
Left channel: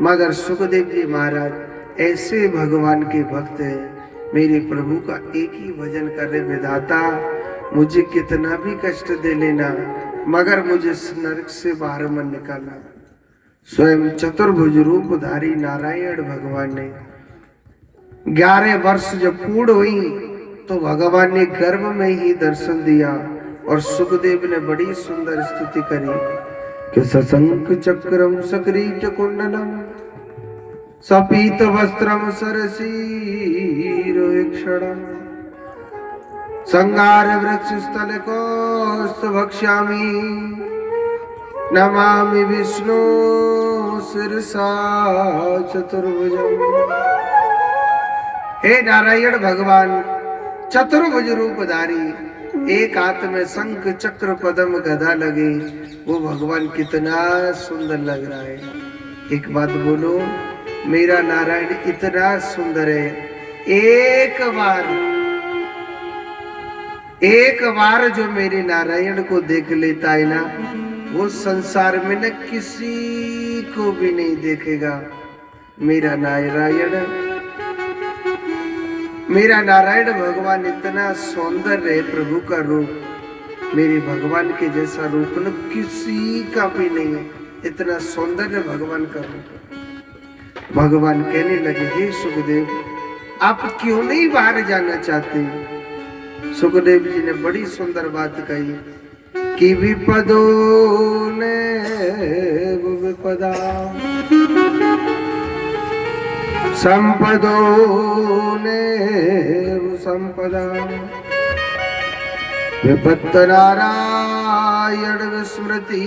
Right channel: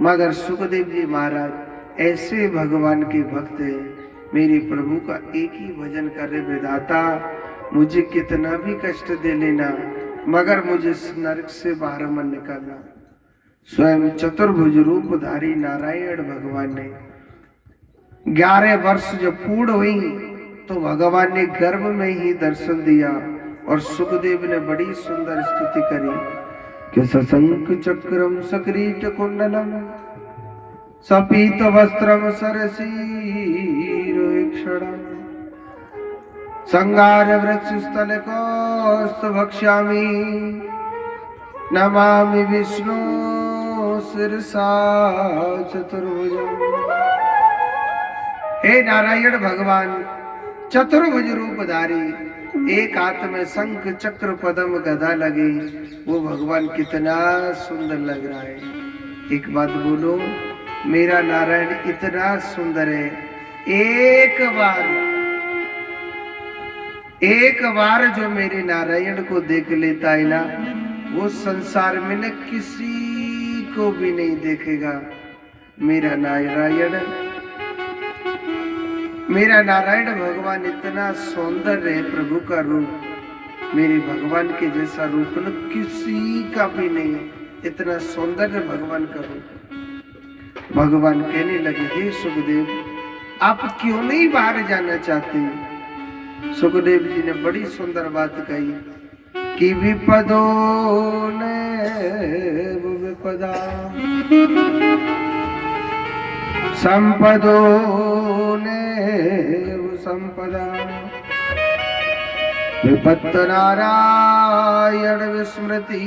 मगर सुखदेव जी महाराज ऐसे भगवान के भक्त हैं, मेरे प्रभु का एक ही भजन कर रहे, विधाता मुझे कितना भी कष्ट दे लेना मगर मुझे इस नरक से बाहर मत निकालना। स्वयं चतुर्भुज रूपधारी नारायण भगवान ने 11 वर्ष जब पूर्ण हुई तो भगवान ने गर्भ में ही दर्शन दिया और सुखदेव ने बड़ी सुंदर स्तुति करी कि सशंख चक्रम सक्रीट कुंडलम सपीत वस्त्रम सरसीरोक्षणम संगार वृक्ष स्थल कौस्त भक्ष्यामि नमामि विष्णु शिरसा चतुर्भुजम। हे नारायण भगवान चतुर्भुज रूपधारी, एक हाथ में शंख चक्र पद्म गदा लगे, वो भगवान कितना सुंदर लग रहा है। एक बात बोलो, मेरा नारायण इतना सुंदर है। एक बार जो मेरे नारायण को देख लेता है ना, वो संसार में न किसी को भी नहीं देखेगा। मेरा नारायण भगवान इतना सौंदर्य है, प्रभु का रूप मेरे भगवान के जैसा रूप न किसी का भी नहीं है। इतना सौंदर्य भगवान का रूप। भगवान कहने लगे, हे सुखदेव, आप क्यों नहीं बाहर जाना चाहते? सुखदेव जी ने बड़ी सुंदर बात कही कि विपदो ने विपदा संपदो ने संपदा विपत्त नारायण विस्मृति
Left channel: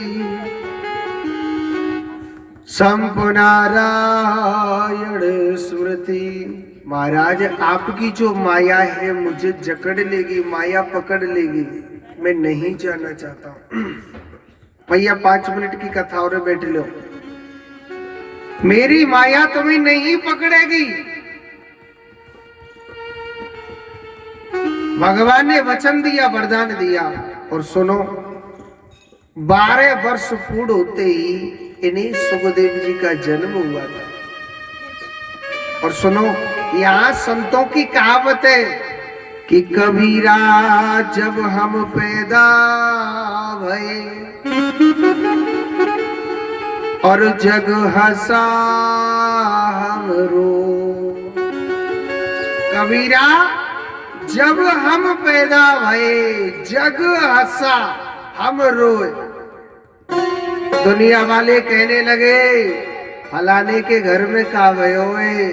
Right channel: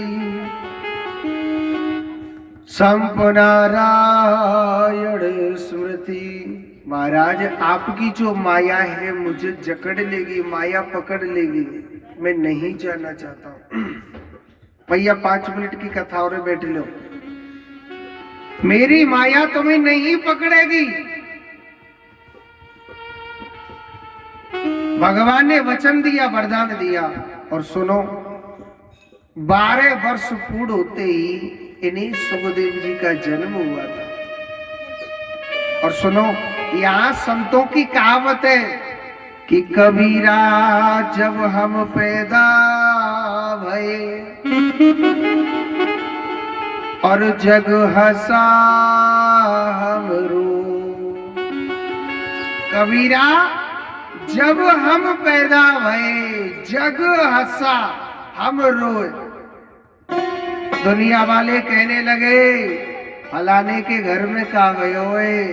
संपनारायण स्मृति। महाराज, आपकी जो माया है मुझे जकड़ लेगी, माया पकड़ लेगी, मैं नहीं जाना चाहता हूं। भैया 5 मिनट की कथा और बैठ लो, मेरी माया तुम्हें नहीं पकड़ेगी। भगवान ने वचन दिया, वरदान दिया। और सुनो, 12 वर्ष पूर्ण होते ही इन्हीं सुखदेव जी का जन्म हुआ था। और सुनो, यहाँ संतों की कहावत है कि कबीरा जब हम पैदा भये और जग हंसा हम रो। कबीरा, जब हम पैदा भये जग हंसा हम रोए। दुनिया वाले कहने लगे, फलाने के घर में का भयो है,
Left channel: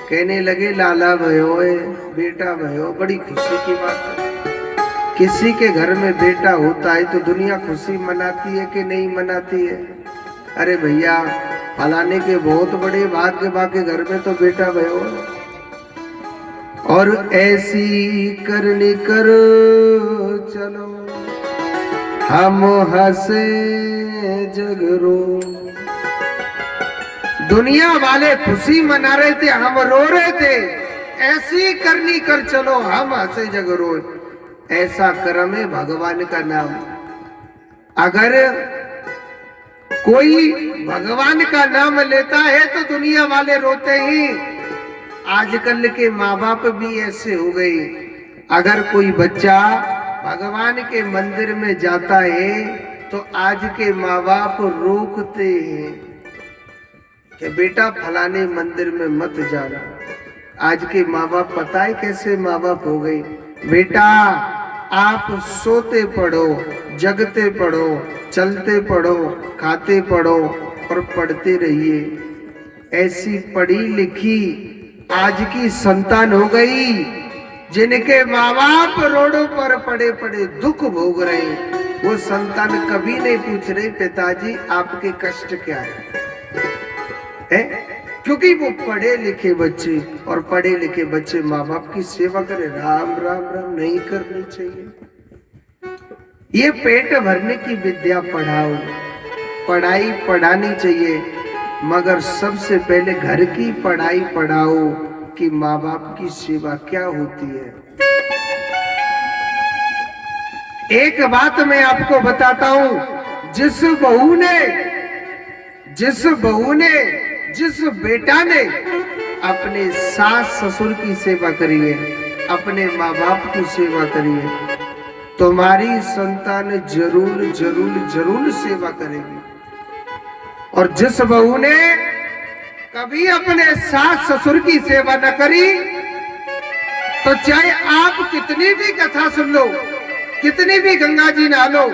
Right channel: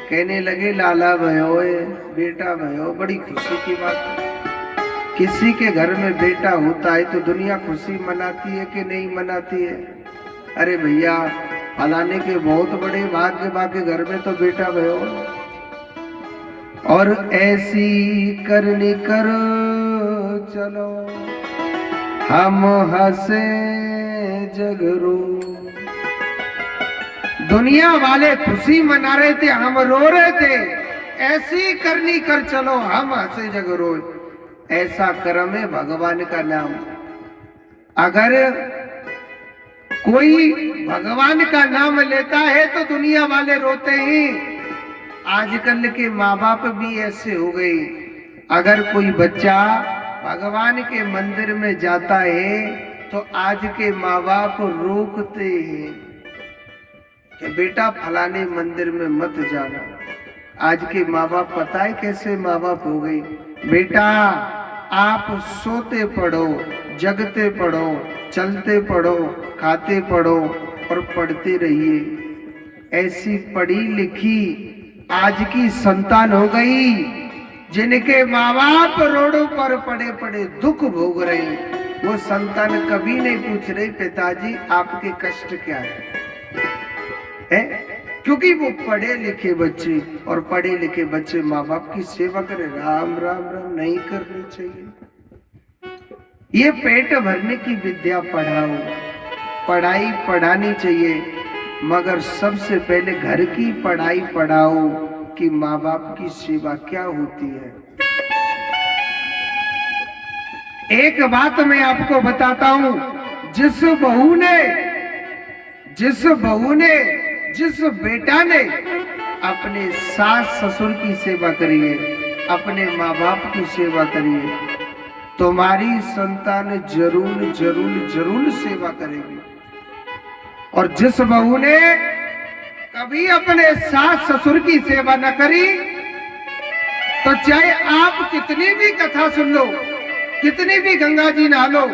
कहने लगे लाला भयो है, बेटा भयो। बड़ी खुशी की बात है। किसी के घर में बेटा होता है तो दुनिया खुशी मनाती है कि नहीं मनाती है? अरे भैया, फलाने के बहुत बड़े भाग्य के घर में तो बेटा भयो है। और ऐसी करनी कर चलो हम हंसे जगरो। दुनिया वाले खुशी मना रहे थे, हम रो रहे थे। ऐसी करनी कर चलो हम हंसे जगरो। ऐसा कर्म है भगवान का नाम। अगर कोई भगवान का नाम लेता है तो दुनिया वाले रोते ही। आजकल के माँ बाप भी ऐसे हो गए। अगर कोई बच्चा भगवान के मंदिर में जाता है तो आज के माँ बाप रोकते हैं कि बेटा फलाने मंदिर में मत जाना। आज के माँ बाप पता है कैसे माँ बाप हो गए? बेटा, आप सोते पढ़ो, जगते पढ़ो, चलते पढ़ो, खाते पढ़ो और पढ़ते रहिए। ऐसी पढ़ी लिखी आज की संतान हो गई जिनके माँ बाप रोडों पर पड़े पड़े दुख भोग रहे। वो संतान कभी नहीं पूछ रही, पिताजी आपके कष्ट क्या है? क्योंकि वो पढ़े लिखे बच्चे, और पढ़े लिखे बच्चे माँ बाप की सेवा करें। राम राम राम नहीं करनी चाहिए। ये पेट भरने की विद्या पढ़ाओ, पढ़ाई पढ़ानी चाहिए, मगर सबसे पहले घर की पढ़ाई पढ़ाओ कि माँ बाप की सेवा क्या होती है। एक बात मैं आपको बताता हूं, जिस बेटा ने अपने सास ससुर की सेवा करी है, अपने माँ बाप की सेवा करी है, तुम्हारी संतान जरूर जरूर जरूर सेवा करेगी। और जिस बहू ने कभी अपने सास ससुर की सेवा न करी, तो चाहे आप कितनी भी कथा सुन लो, कितनी भी गंगा जी नहा लो,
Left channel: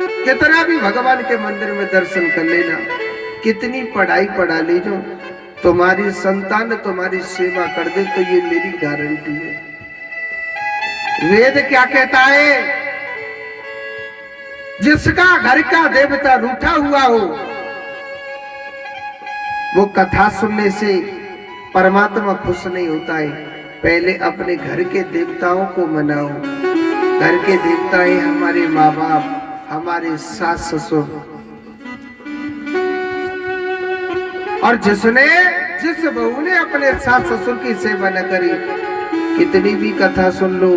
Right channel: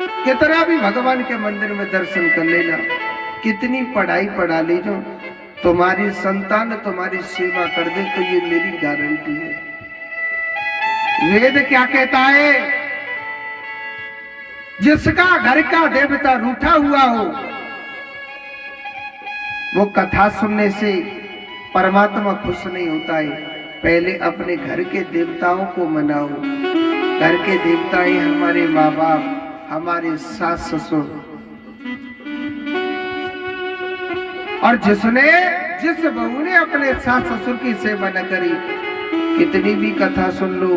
कितना भी भगवान के मंदिर में दर्शन कर लेना, कितनी पढ़ाई पढ़ा लीजो, तुम्हारी संतान तुम्हारी सेवा कर दे तो ये मेरी गारंटी है। वेद क्या कहता है? जिसका घर का देवता रूठा हुआ हो, वो कथा सुनने से परमात्मा खुश नहीं होता है। पहले अपने घर के देवताओं को मनाओ, घर के देवता ही हमारे माँ बाप, हमारे सास ससुर। और जिस बहू ने अपने सास ससुर की सेवा न करी, कितनी भी कथा सुन लो,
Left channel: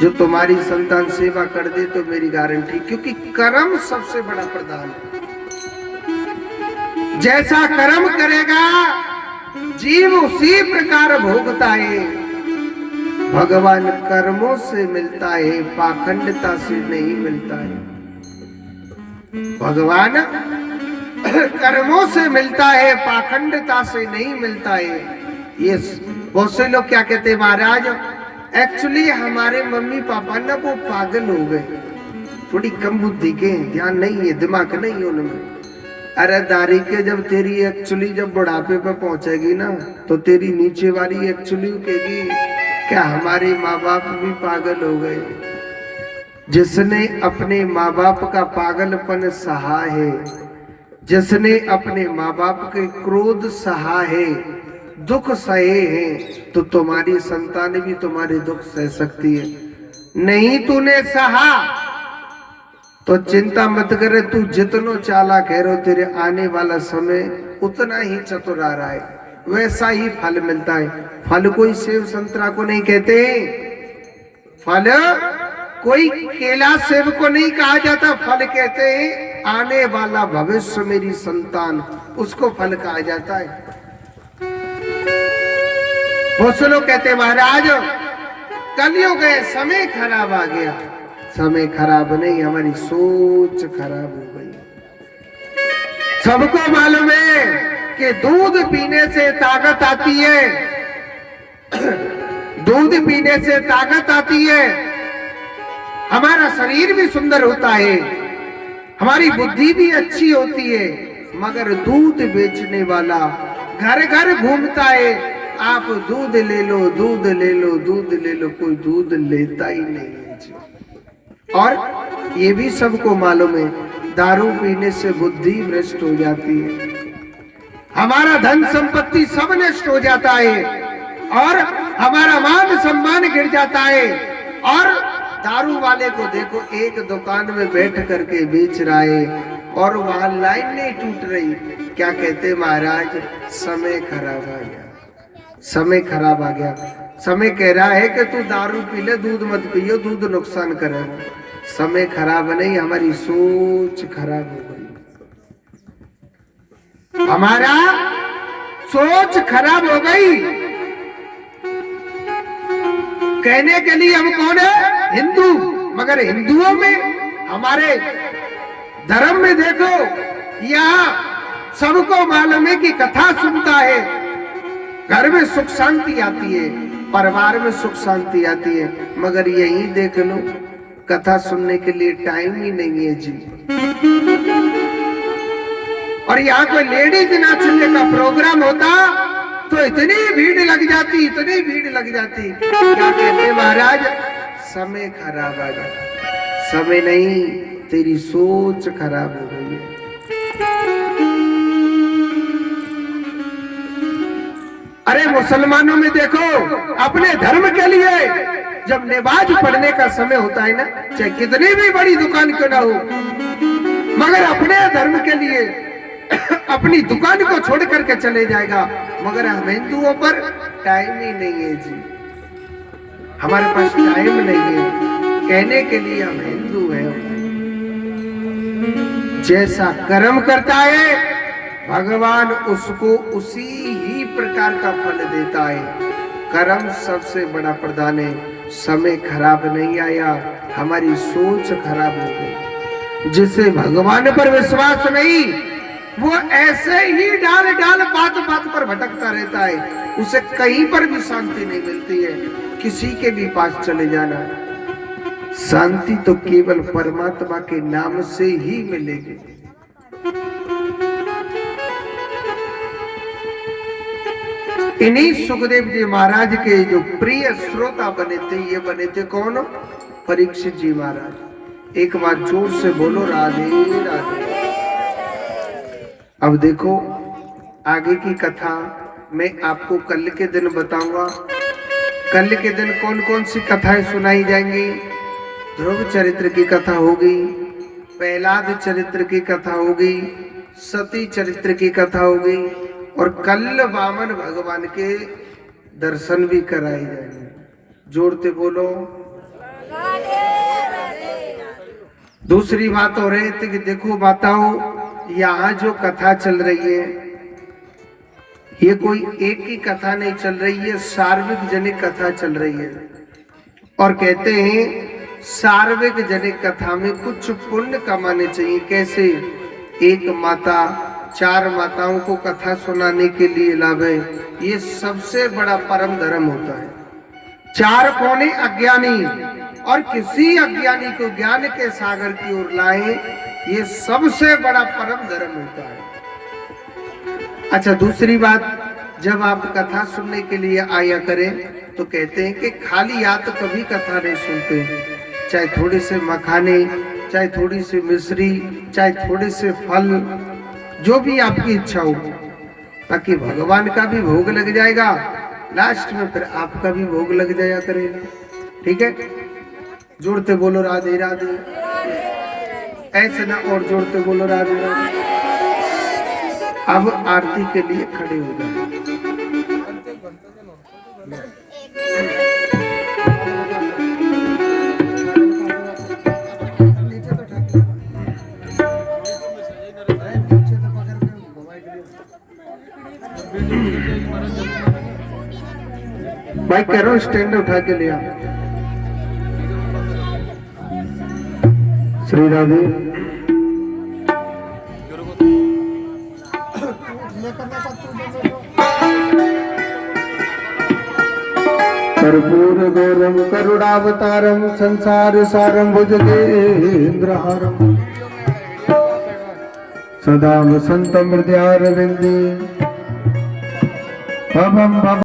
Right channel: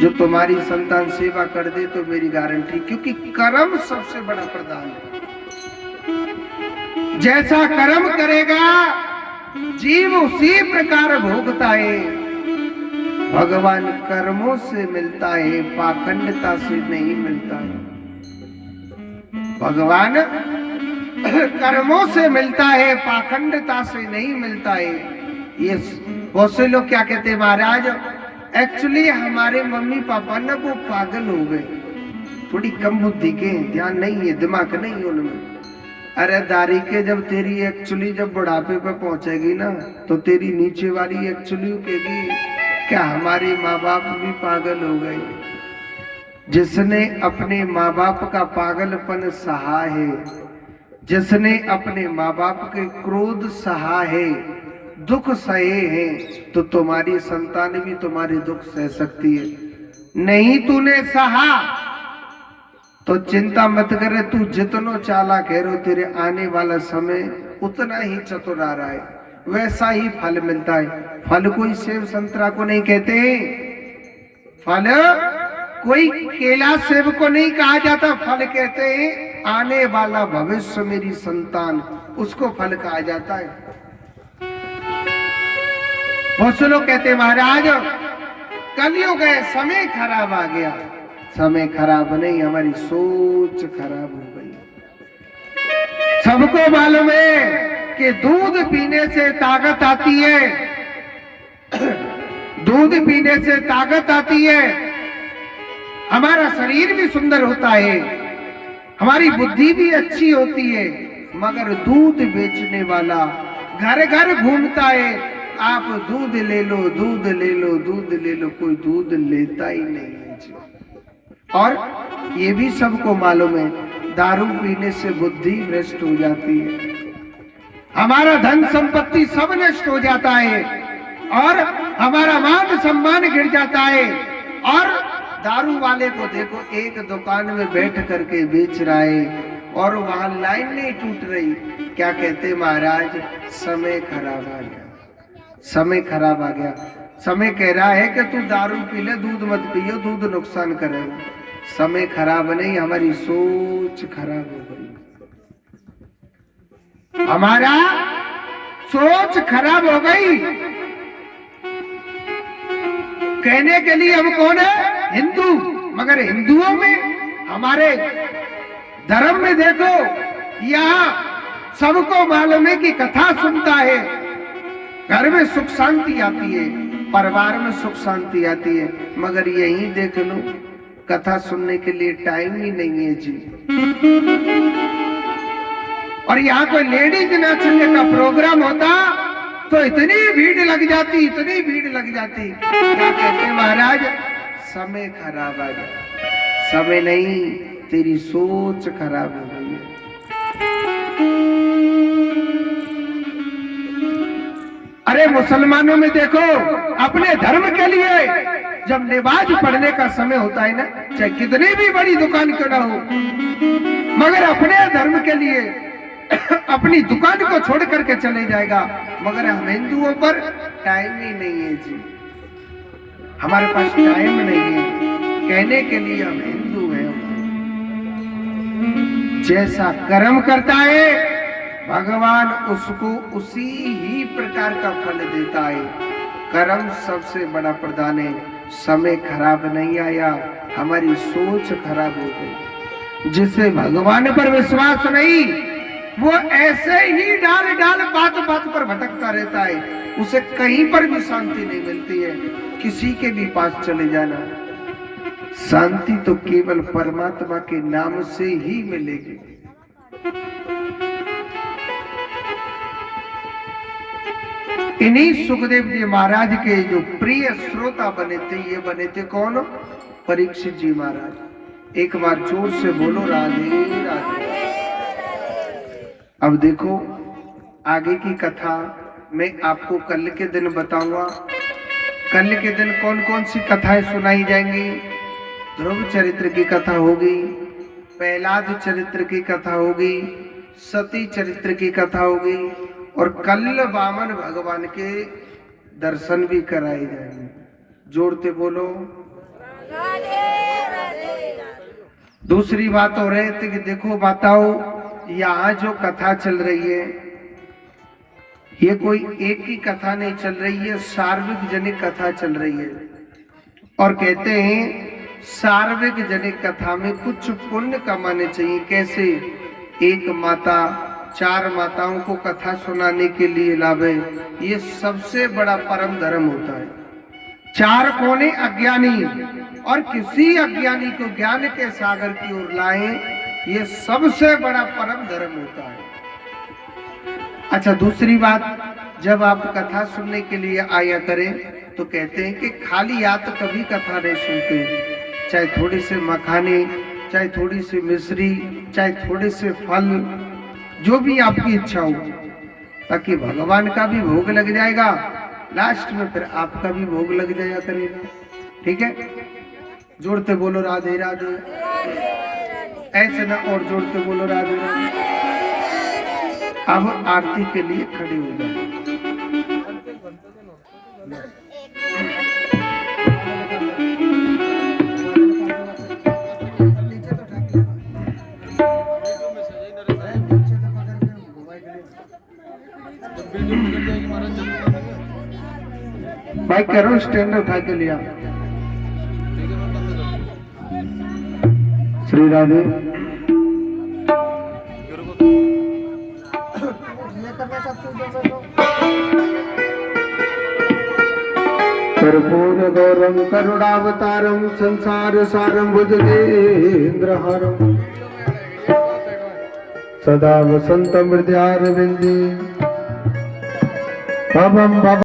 जो तुम्हारी संतान सेवा कर दे तो मेरी गारंटी, क्योंकि कर्म सबसे बड़ा प्रधान है। जैसा कर्म करेगा जीव उसी प्रकार भोगता है। भगवान कर्मों से मिलता है, पाखंडता से नहीं मिलता है। भगवान कर्मों से मिलता है, पाखंडता से नहीं मिलता है। ये बहुत से लोग क्या कहते हैं महाराज, एक्चुअली हमारे मम्मी पापा ना वो पागल हो गए, थोड़ी कम बुद्धि के, ध्यान नहीं है, दिमाग नहीं है उनमें। अरे दारी के जब तेरी एक्चुअली जब बुढ़ापे पे पहुंचेगी ना, तो तेरी नीचे वाली एक्चुअली कहेगी क्या हमारे माँ बाप भी पागल हो गए। जिसने अपने माँ बाप का पागलपन सहा है, जिसने अपने माँ बाप के क्रोध सहा है, दुख सहे हैं, तो तुम्हारी संतान भी तुम्हारे दुख सह सकती है। नहीं तूने सहा तो चिंता मत करे, तू जितना चालाक है रो, तेरे आने वाला समय उतना ही चतुर आ रहा है, वैसा ही फल मिलता है। फल कोई सेब संतरा को नहीं कहते, फल कोई केला सेब को नहीं कहा जाता, फल कहते हैं आने वाला भविष्य मेरी संतान, उसको फल कहा जाता है। बहुत से लोग कहते हैं महाराज कलयुग है, समय खराब आ गया। समय खराब नहीं, हमारी सोच खराब हो गई। सबको मालूम है कि दूध पीने से ताकत आती है, दूध पीने से ताकत आती है, हमारा शरीर भी सुंदर होता है, हमारी बुद्धि भी अच्छी होती है। मगर दूध बेचने वाला घर घर घूमता है, आप दूध ले लो, दूध ले लो, दूध ले लो, कोई दूध लेता ही नहीं है जी। और ये भी सबको मालूम है, दारू पीने से बुद्धि भ्रष्ट हो जाती है, हमारा धन संपत्ति सब नष्ट हो जाता है, और हमारा मान सम्मान गिर जाता है। और दारू वाले को देखो, एक दुकान में बैठ करके बेच रहा है और वहां लाइन नहीं टूट रही, क्या कहते महाराज, समय खराब आ गया, समय खराब आ गया। समय कह रहा है कि तू दारू पी ले, दूध मत पियो, दूध नुकसान करेगा। समय खराब नहीं, हमारी सोच खराब हो गई, हमारा सोच खराब हो गई। कहने के लिए हम कौन है, हिंदू, मगर हिंदुओं में, हमारे धर्म में देखो, यहाँ सबको मालूम है कि कथा सुनता है, घर में सुख शांति आती है, परिवार में सुख शांति आती है। मगर यही देख लो, कथा सुनने के लिए टाइम ही नहीं है जी। और यहाँ कोई लेडीज नाचने का प्रोग्राम होता तो इतनी भीड़ लग जाती, इतनी भीड़ लग जाती। क्या कहते महाराज, समय खराब आ गया। समय नहीं, तेरी सोच खराब हो गई है। अरे मुसलमानों में देखो, अपने धर्म के लिए जब नमाज पढ़ने का समय होता है ना, चाहे कितनी भी बड़ी दुकान क्यों ना हो, मगर अपने धर्म के लिए अपनी दुकान को छोड़ करके चले जाएगा। मगर हम हिंदुओं पर टाइम ही नहीं है जी, हमारे पास टाइम नहीं है कहने के लिए हम हिंदू हैं। जैसा कर्म करता है भगवान उसको उसी ही प्रकार का फल देता है। कर्म सबसे बड़ा प्रधान है। समय खराब नहीं आया, हमारी सोच खराब हो गई। जिसे भगवान पर विश्वास नहीं, वो ऐसे ही डाल डाल बात बात पर भटकता रहता है, उसे कहीं पर भी शांति नहीं मिलती है। किसी के भी पास चले जाना, शांति तो केवल परमात्मा के नाम से ही मिलेगी। इन्हीं सुखदेव जी महाराज के जो प्रिय श्रोता बने थे, ये बने थे कौन, परीक्षित जी महाराज। एक बार जोर से बोलो राधे राधे। अब देखो आगे की कथा मैं आपको कल के दिन बताऊंगा। कल के दिन कौन कौन सी कथाएं सुनाई जाएंगी? ध्रुव चरित्र की कथा होगी, प्रहलाद चरित्र की कथा होगी, सती चरित्र की कथा होगी और कल वामन भगवान के दर्शन भी कराए जाएंगे। जोड़ते बोलो। दूसरी बात हो रही थी कि देखो बताओ, यहाँ जो कथा चल रही है ये कोई एक ही कथा नहीं चल रही है, सार्वजनिक कथा चल रही है। और कहते हैं सार्वजनिक कथा में कुछ पुण्य कमाने चाहिए। कैसे? एक माता 4 माताओं को कथा सुनाने के लिए लावे, ये सबसे बड़ा परम धर्म होता है। 4 कोने अज्ञानी और किसी अज्ञानी को ज्ञान के सागर की ओर लाए, ये सबसे बड़ा परम धर्म होता है। अच्छा, दूसरी बात, जब आप कथा सुनने के लिए आया करें तो कहते हैं कि खाली या तो कभी कथा नहीं सुनते, चाहे थोड़े से मखाने, चाहे थोड़ी सी मिश्री, चाहे थोड़े से फल, जो भी आपकी इच्छा हो, ताकि भगवान का भी भोग लग जाएगा, लास्ट में फिर आपका भी भोग लग जाया करेगा। ठीक है? जोड़ते बोलो राधे राधे। ऐसे ना, और जोड़ते बोलो राधे राधे। अब आरती के लिए खड़े हो जाए। भाई करो, स्टैंड उठा के लिया। श्री राधे। कर्पूर गौरम करुणावतारम संसार सारम भुजगेन्द्रहारम सदा वसंतम हृदयारविंदे।